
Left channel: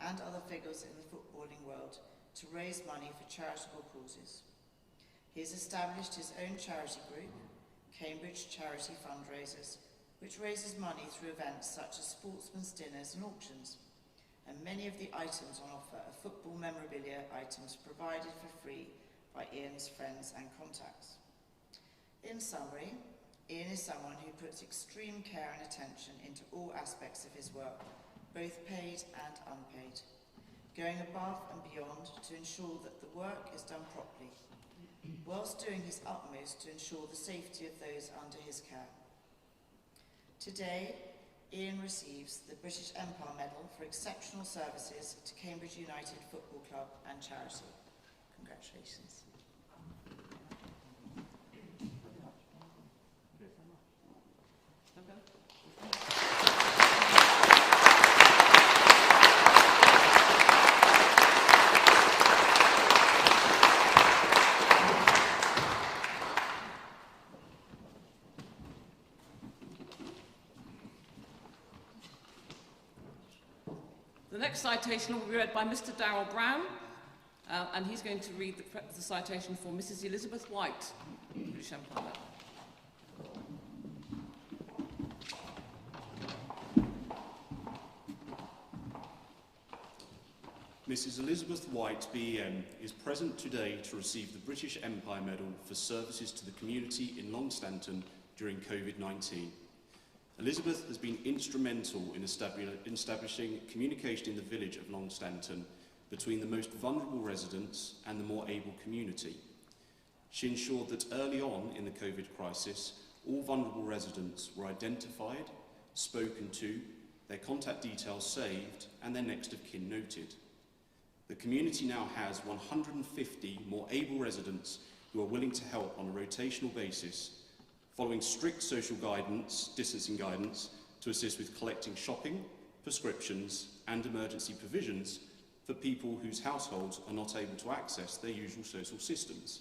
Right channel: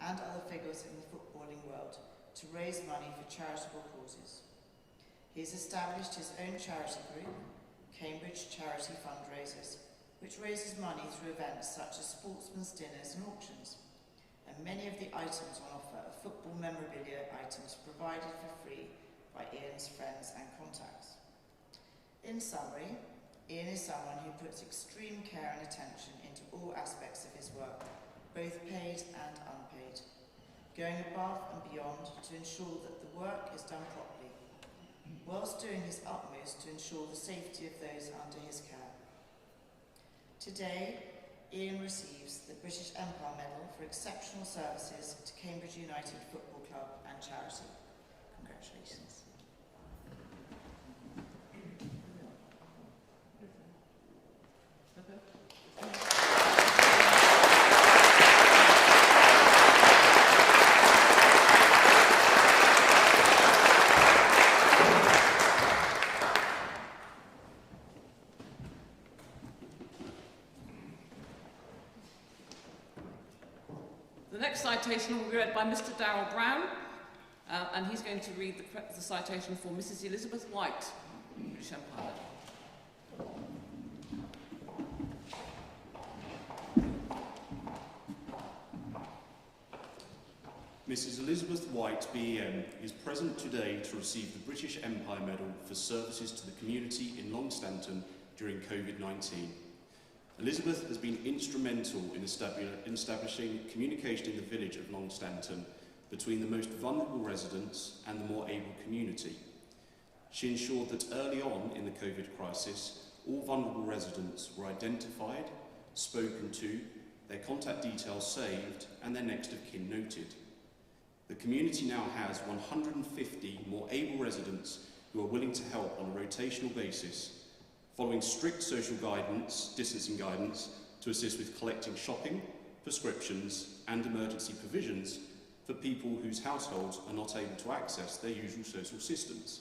and other figures in the footballing world to raise money for charitable causes. He has established his own charity group, Cambridge Charity Fundraisers, which raises money through events such as sportsmen's dinners and auctions, and many of the items on offer are football memorabilia items provided for free by Ian's friends and contacts. In summary, Ian is someone who puts extreme care and attention into all aspects of his work, both paid and unpaid, going above and beyond to ensure that the work is done properly, whilst doing his utmost to ensure the safety of those under his care. Today, Ian receives the British Empire Medal for exceptional services to Cambridge United Football Club and charity. Congratulations. The next citation will be read by Mr. Darrell Brown, and he's going to read the citation for Mrs. Elizabeth White, British Empire Medal. Mrs. Elizabeth White, BEM, is present today to receive the British Empire Medal for services to the community in Longstanton during COVID-19. Elizabeth has been instrumental in establishing communication in the village of Longstanton between the most vulnerable residents and the more able community. She ensured that early on in the COVID crisis, all vulnerable residents were identified, spoken to, their contact details saved, and their next of kin noted. The community now has 150 more able residents who are willing to help on a rotational basis, following strict social guidance, distancing guidance, to assist with collecting shopping, prescriptions, and emergency provisions for people whose households are not able to access their usual social systems.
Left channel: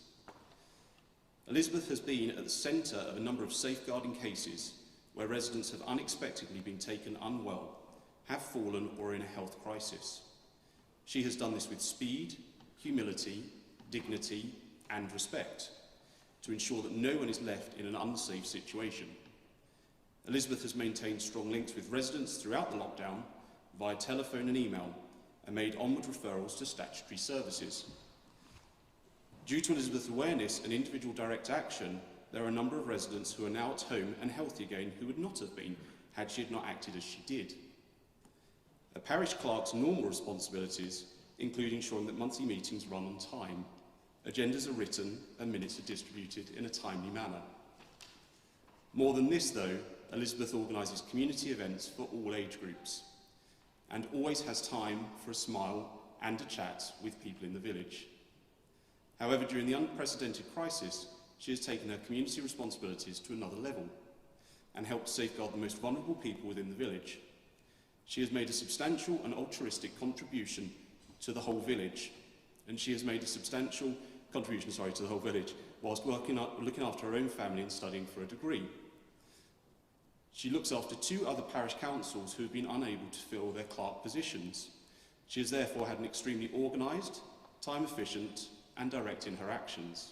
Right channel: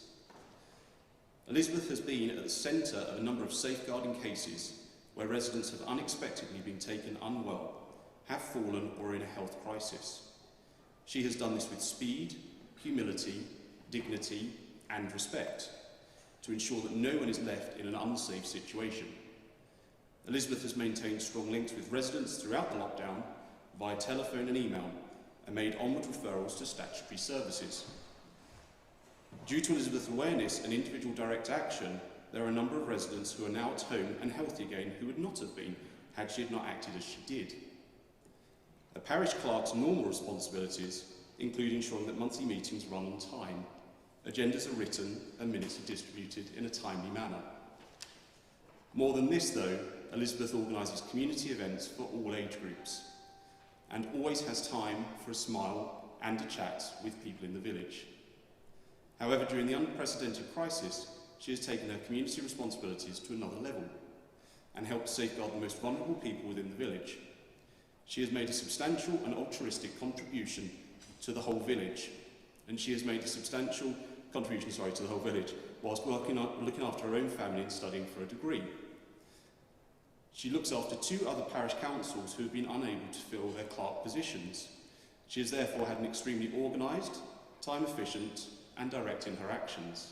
Elizabeth has been at the centre of a number of safeguarding cases where residents have unexpectedly been taken unwell, have fallen, or are in a health crisis. She has done this with speed, humility, dignity, and respect, to ensure that no one is left in an unsafe situation. Elizabeth has maintained strong links with residents throughout the lockdown via telephone and email, and made onward referrals to statutory services. Due to Elizabeth's awareness and individual direct action, there are a number of residents who are now at home and healthy again who would not have been had she not acted as she did. A parish clerk's normal responsibilities include ensuring that monthly meetings run on time, agendas are written, and minutes are distributed in a timely manner. More than this, though, Elizabeth organises community events for all age groups and always has time for a smile and a chat with people in the village. However, during the unprecedented crisis, she has taken her community responsibilities to another level and helped safeguard the most vulnerable people within the village. She has made a substantial and altruistic contribution to the whole village, whilst looking after her own family and studying for a degree. She looks after 2 other parish councils who have been unable to fill their clerk positions. She has therefore had an extremely organised, time-efficient and direct in her actions.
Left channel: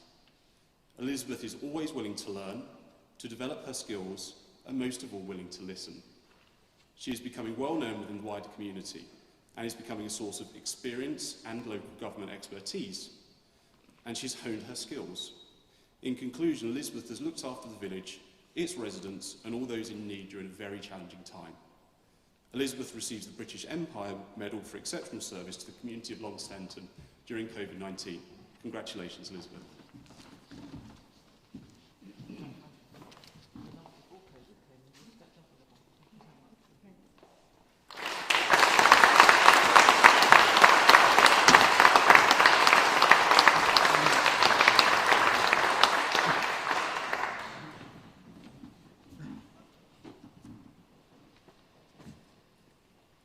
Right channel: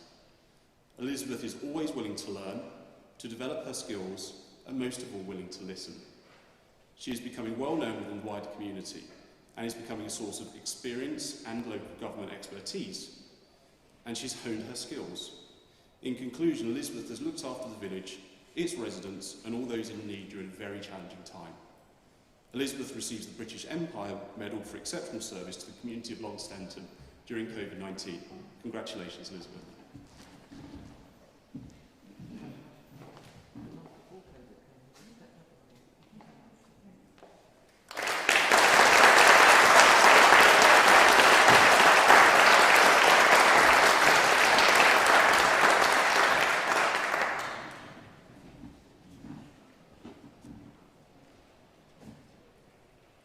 Elizabeth is always willing to learn, to develop her skills, and most of all willing to listen. She is becoming well known within the wider community and is becoming a source of experience and local government expertise, and she's honed her skills. In conclusion, Elizabeth has looked after the village, its residents and all those in need during a very challenging time. Elizabeth receives the British Empire Medal for exceptional service to the community of Long Stanton during COVID-19. Congratulations, Elizabeth.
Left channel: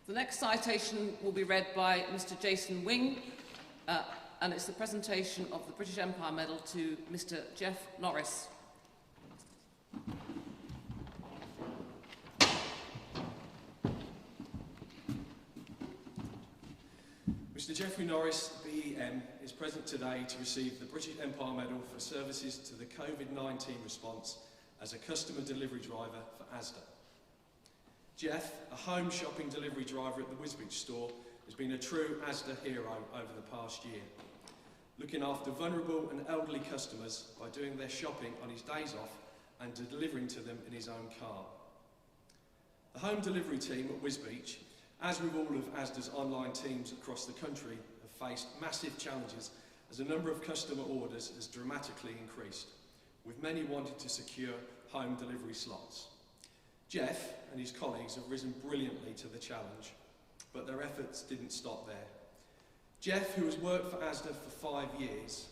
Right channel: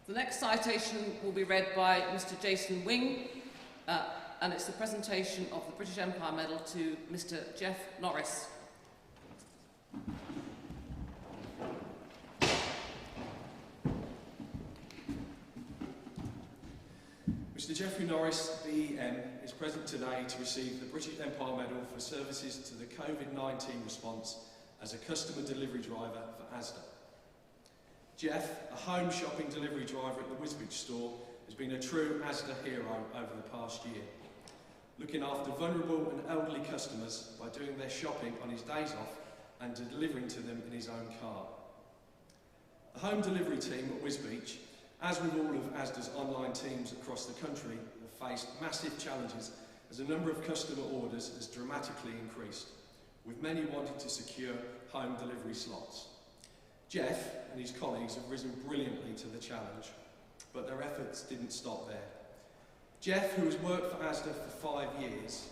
The next citation will be read by Mr. Jason Wing, and it's the presentation of the British Empire Medal to Mr. Jeff Norris. Mr. Geoffrey Norris, BEM, is present today to receive the British Empire Medal for services to the COVID-19 response as a customer delivery driver for Asda. Jeff, a home shopping delivery driver at the Wisbech store, has been a true Asda hero over the past year, looking after vulnerable and elderly customers by doing their shopping on his days off and delivering to them in his own car. The home delivery team at Wisbech, as with all of Asda's online teams across the country, have faced massive challenges as a number of customer orders has dramatically increased, with many wanting to secure home delivery slots. Jeff and his colleagues have risen brilliantly to the challenge, but their efforts didn't stop there. Jeff, who has worked for Asda for 5 years,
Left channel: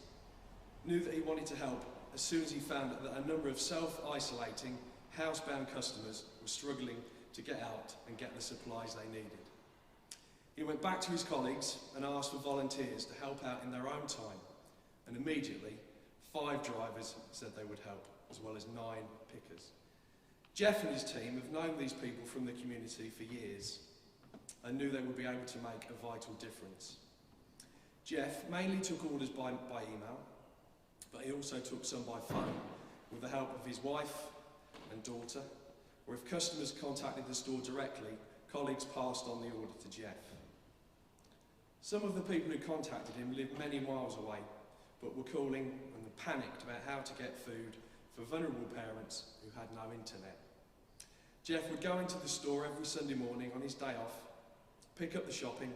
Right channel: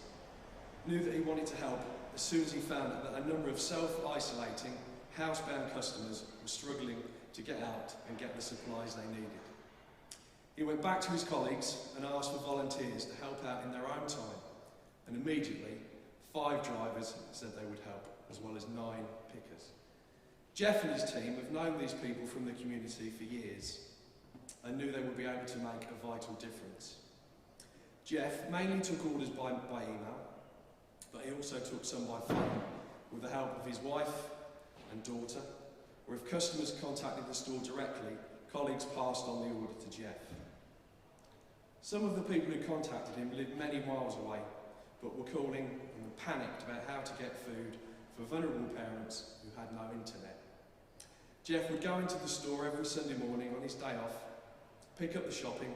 knew that he wanted to help as soon as he found that a number of self-isolating, housebound customers were struggling to get out and get the supplies they needed. He went back to his colleagues and asked for volunteers to help out in their own time, and immediately 5 drivers said they would help, as well as 9 pickers. Jeff and his team have known these people from the community for years and knew they would be able to make a vital difference. Jeff mainly took orders by email, but he also took some by phone with the help of his wife and daughter, or if customers contacted the store directly, colleagues passed on the order to Jeff. Some of the people who contacted him lived many miles away, but were calling and panicked about how to get food for vulnerable parents who had no internet. Jeff would go into the store every Sunday morning on his day off, pick up the shopping,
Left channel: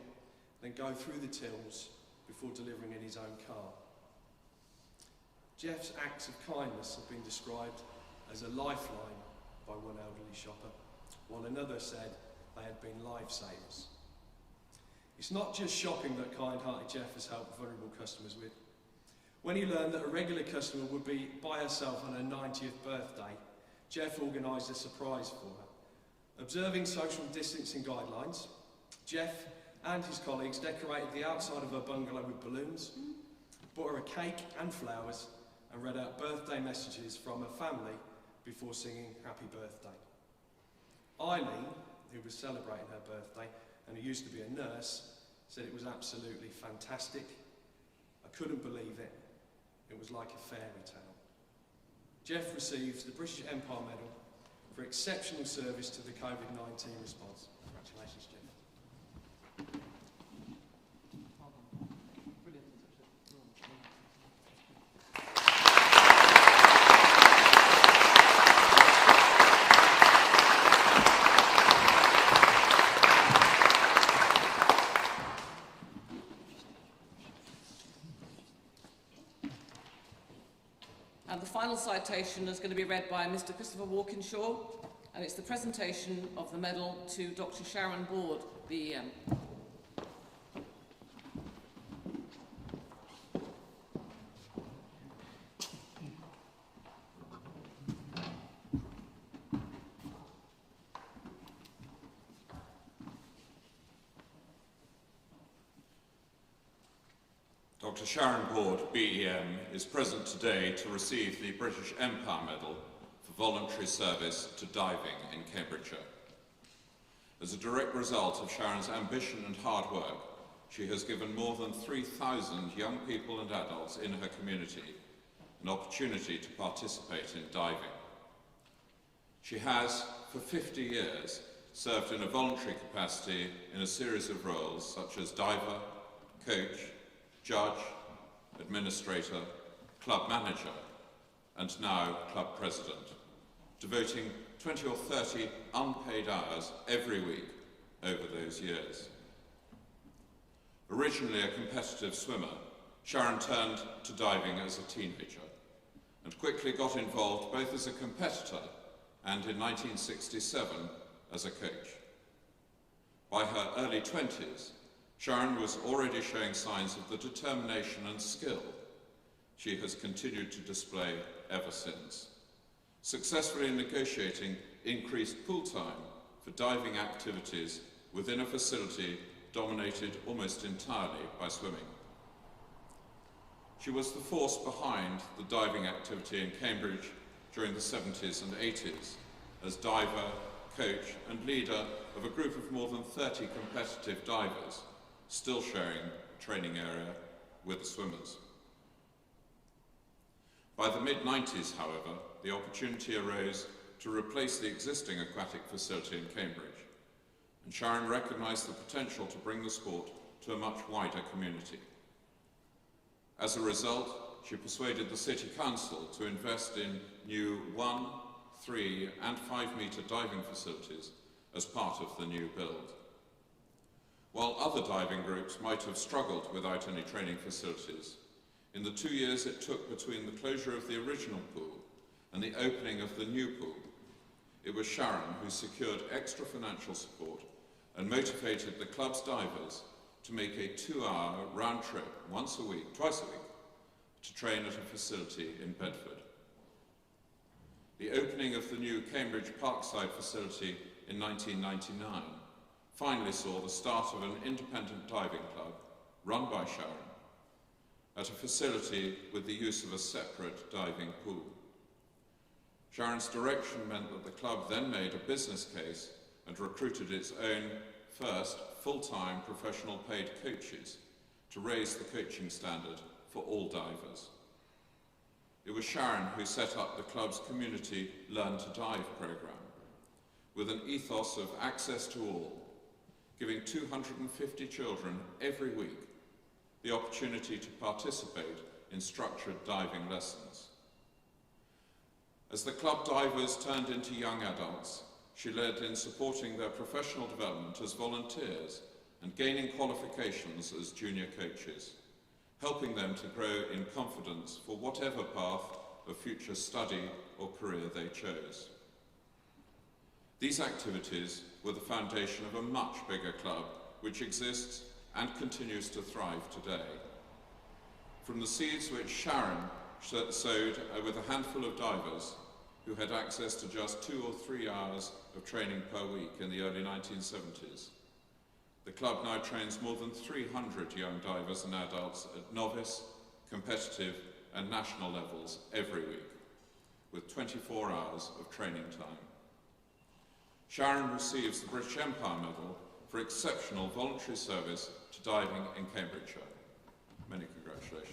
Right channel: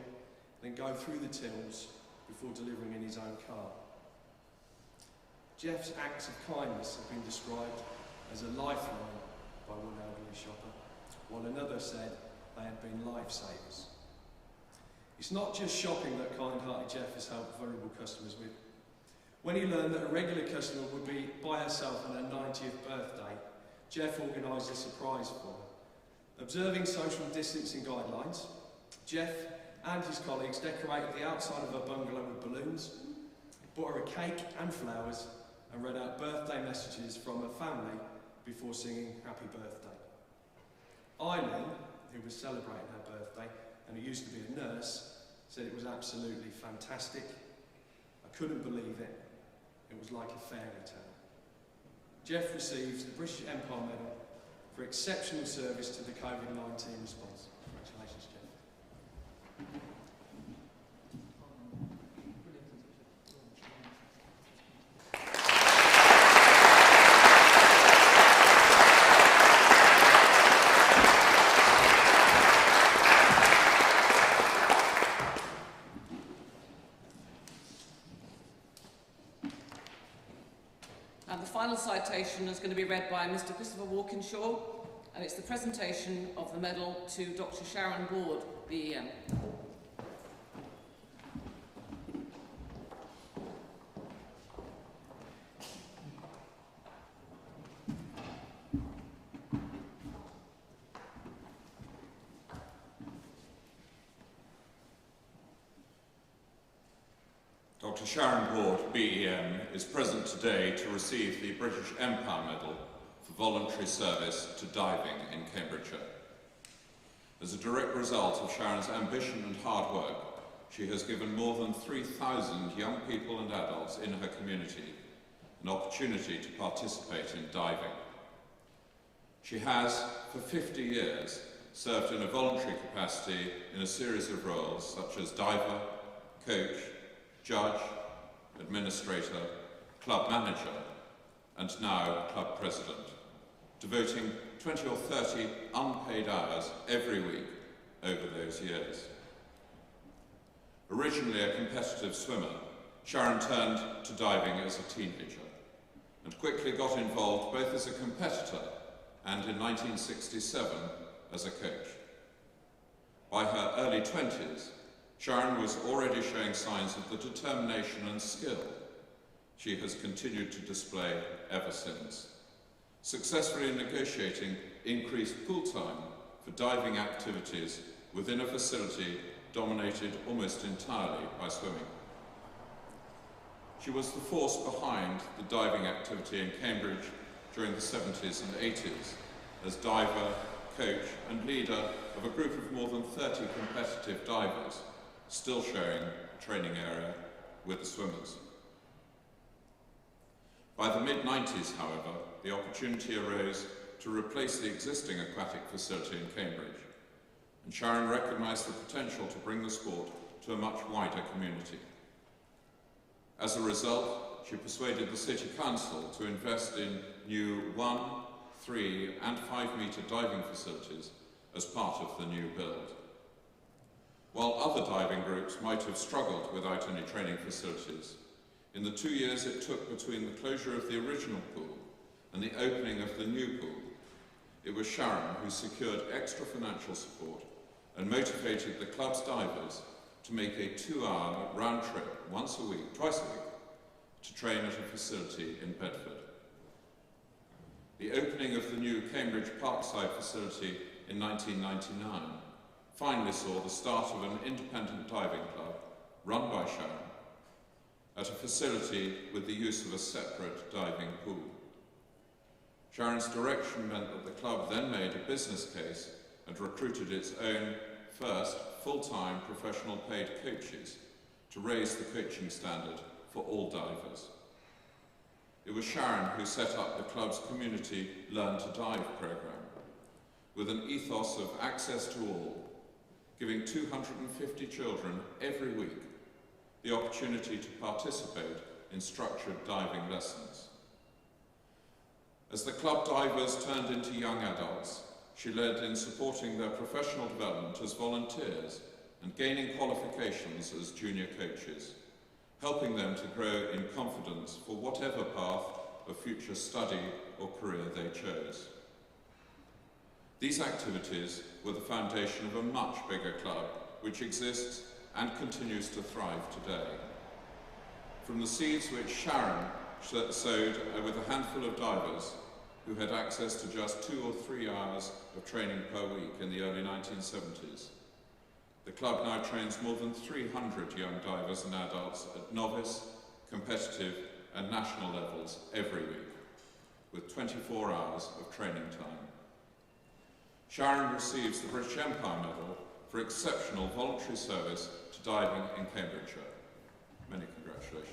then go through the tills before delivering in his own car. Jeff's acts of kindness have been described as a lifeline by one elderly shopper, while another said they had been lifesavers. It's not just shopping that kind-hearted Jeff has helped vulnerable customers with. When he learned that a regular customer would be by herself on her 90th birthday, Jeff organised a surprise for her. Observing social distancing guidelines, Jeff and his colleagues decorated the outside of her bungalow with balloons, bought her a cake and flowers, and read out birthday messages from her family before singing happy birthday. Eileen, who was celebrating her birthday and who used to be a nurse, said it was absolutely fantastic. I couldn't believe it. It was like a fairy tale. Jeff receives the British Empire Medal for exceptional service to the COVID-19 response. Congratulations, Jeff. And the final citation is going to be read by Mr. Christopher Walkinshaw, and it's the presentation of the medal to Dr. Sharon Board, BEM. Dr. Sharon Ward, BEM, is present today to receive the British Empire Medal for voluntary service to diving in Cambridgeshire. As a direct result of Sharon's ambition and hard work, she has given more than 3,000 young people and adults in her community an opportunity to participate in diving. She has, for 50 years, served in a voluntary capacity in a series of roles such as diver, coach, judge, administrator, club manager, and now club president, devoting 20 or 30 unpaid hours every week over those years. Originally a competitive swimmer, Sharon turned to diving as a teenager and quickly got involved both as a competitor and in 1967 as a coach. By her early 20s, Sharon was already showing signs of the determination and skill she has continued to display ever since, successfully negotiating increased pool time for diving activities within a facility dominated almost entirely by swimming. She was the force behind the diving activity in Cambridge during the 70s and 80s as diver, coach and leader of a group of more than 30 competitive divers, still sharing a training area with the swimmers. By the mid-90s, however, the opportunity arose to replace the existing aquatic facility in Cambridge, and Sharon recognised the potential to bring the sport to a much wider community. As a result, she persuaded the City Council to invest in new 1, 3 and 5 metre diving facilities as part of the new build. While other diving groups might have struggled without any training facilities, in the 2 years it took between the closure of the original pool and the opening of the new pool, it was Sharon who secured extra financial support and motivated the club's divers to make a 2-hour round trip twice a week, to train at a facility in Bedford. The opening of the new Cambridge Parkside facility in 1999 finally saw the start of an independent diving club run by Sharon at a facility with the use of a separate diving pool. Sharon's direction meant that the club then made a business case and recruited its own first full-time professional paid coaches to raise the coaching standard for all divers. It was Sharon who set up the club's community Learn to Dive programme, with an ethos of access to all, giving 250 children every week the opportunity to participate in structured diving lessons. As the club divers turned into young adults, she led in supporting their professional development as volunteers and gaining qualifications as junior coaches, helping them to grow in confidence for whatever path of future study or career they chose. These activities were the foundation of a much bigger club which exists and continues to thrive today. From the seeds which Sharon sowed with a handful of divers who had access to just 2 or 3 hours of training per week in the early 1970s, the club now trains more than 300 young divers and adults at novice, competitive and national levels every week, with 24 hours of training time. Sharon receives the British Empire Medal for exceptional voluntary service to diving in Cambridgeshire. Many congratulations.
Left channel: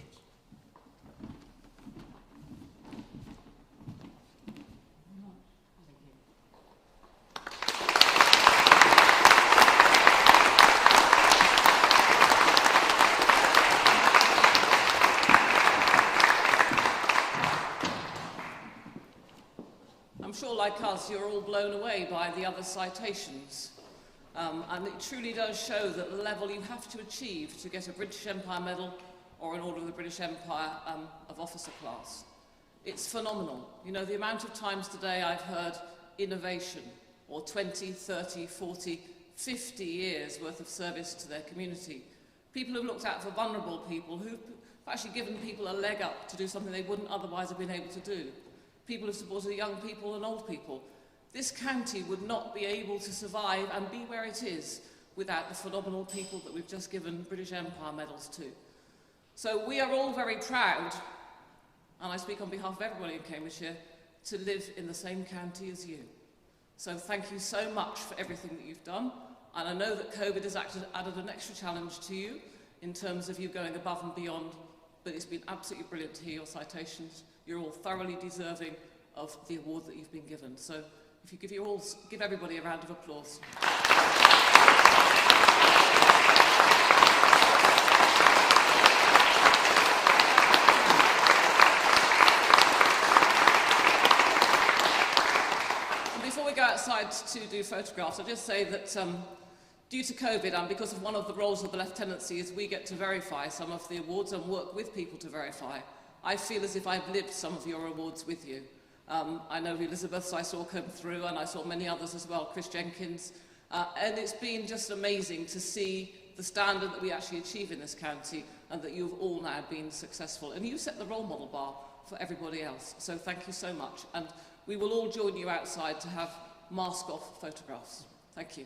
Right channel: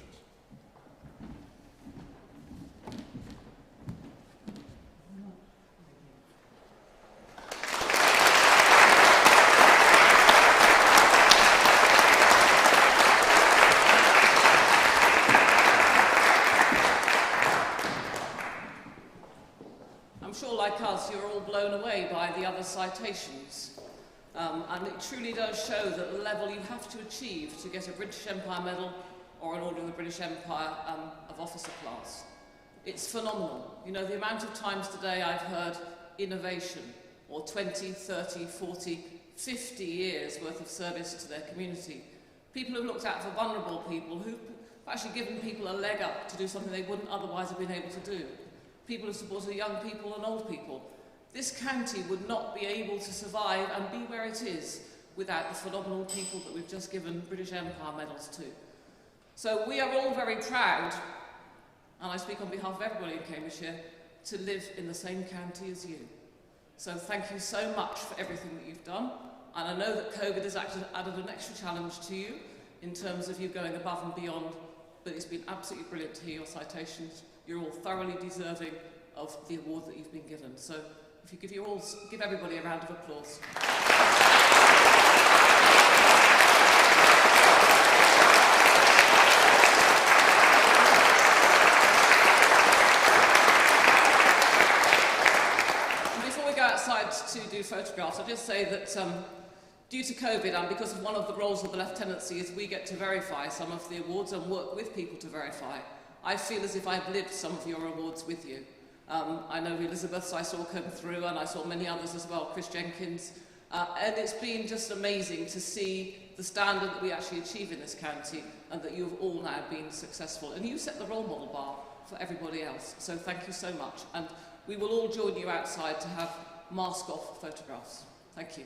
I'm sure, like us, you're all blown away by the other citations. And it truly does show that the level you have to achieve to get a British Empire Medal or an Order of the British Empire of Officer class. It's phenomenal. You know, the amount of times today I've heard innovation or 20, 30, 40, 50 years worth of service to their community. People who've looked out for vulnerable people, who've actually given people a leg up to do something they wouldn't otherwise have been able to do. People who've supported young people and old people. This county would not be able to survive and be where it is without the phenomenal people that we've just given British Empire medals to. So we are all very proud, and I speak on behalf of everybody in Cambridgeshire, to live in the same county as you. So thank you so much for everything that you've done. And I know that COVID has added an extra challenge to you in terms of you going above and beyond, but it's been absolutely brilliant to hear your citations. You're all thoroughly deserving of the award that you've been given. So if you give everybody a round of applause. And before we go outside to do photographs, I'll just say that due to COVID and because of one of the roles of the lieutenancy is we get to verify some of the awards and work with people to verify. I feel as if I've lived some of your awards with you. I know Elizabeth's I saw come through, and I saw many others as well, Chris Jenkins, and it's been just amazing to see the standard that we actually achieve in this county and that you've all now been successful. And you set the role model bar for everybody else, so thank you so much. And we will all join you outside to have mask-off photographs. Thank you.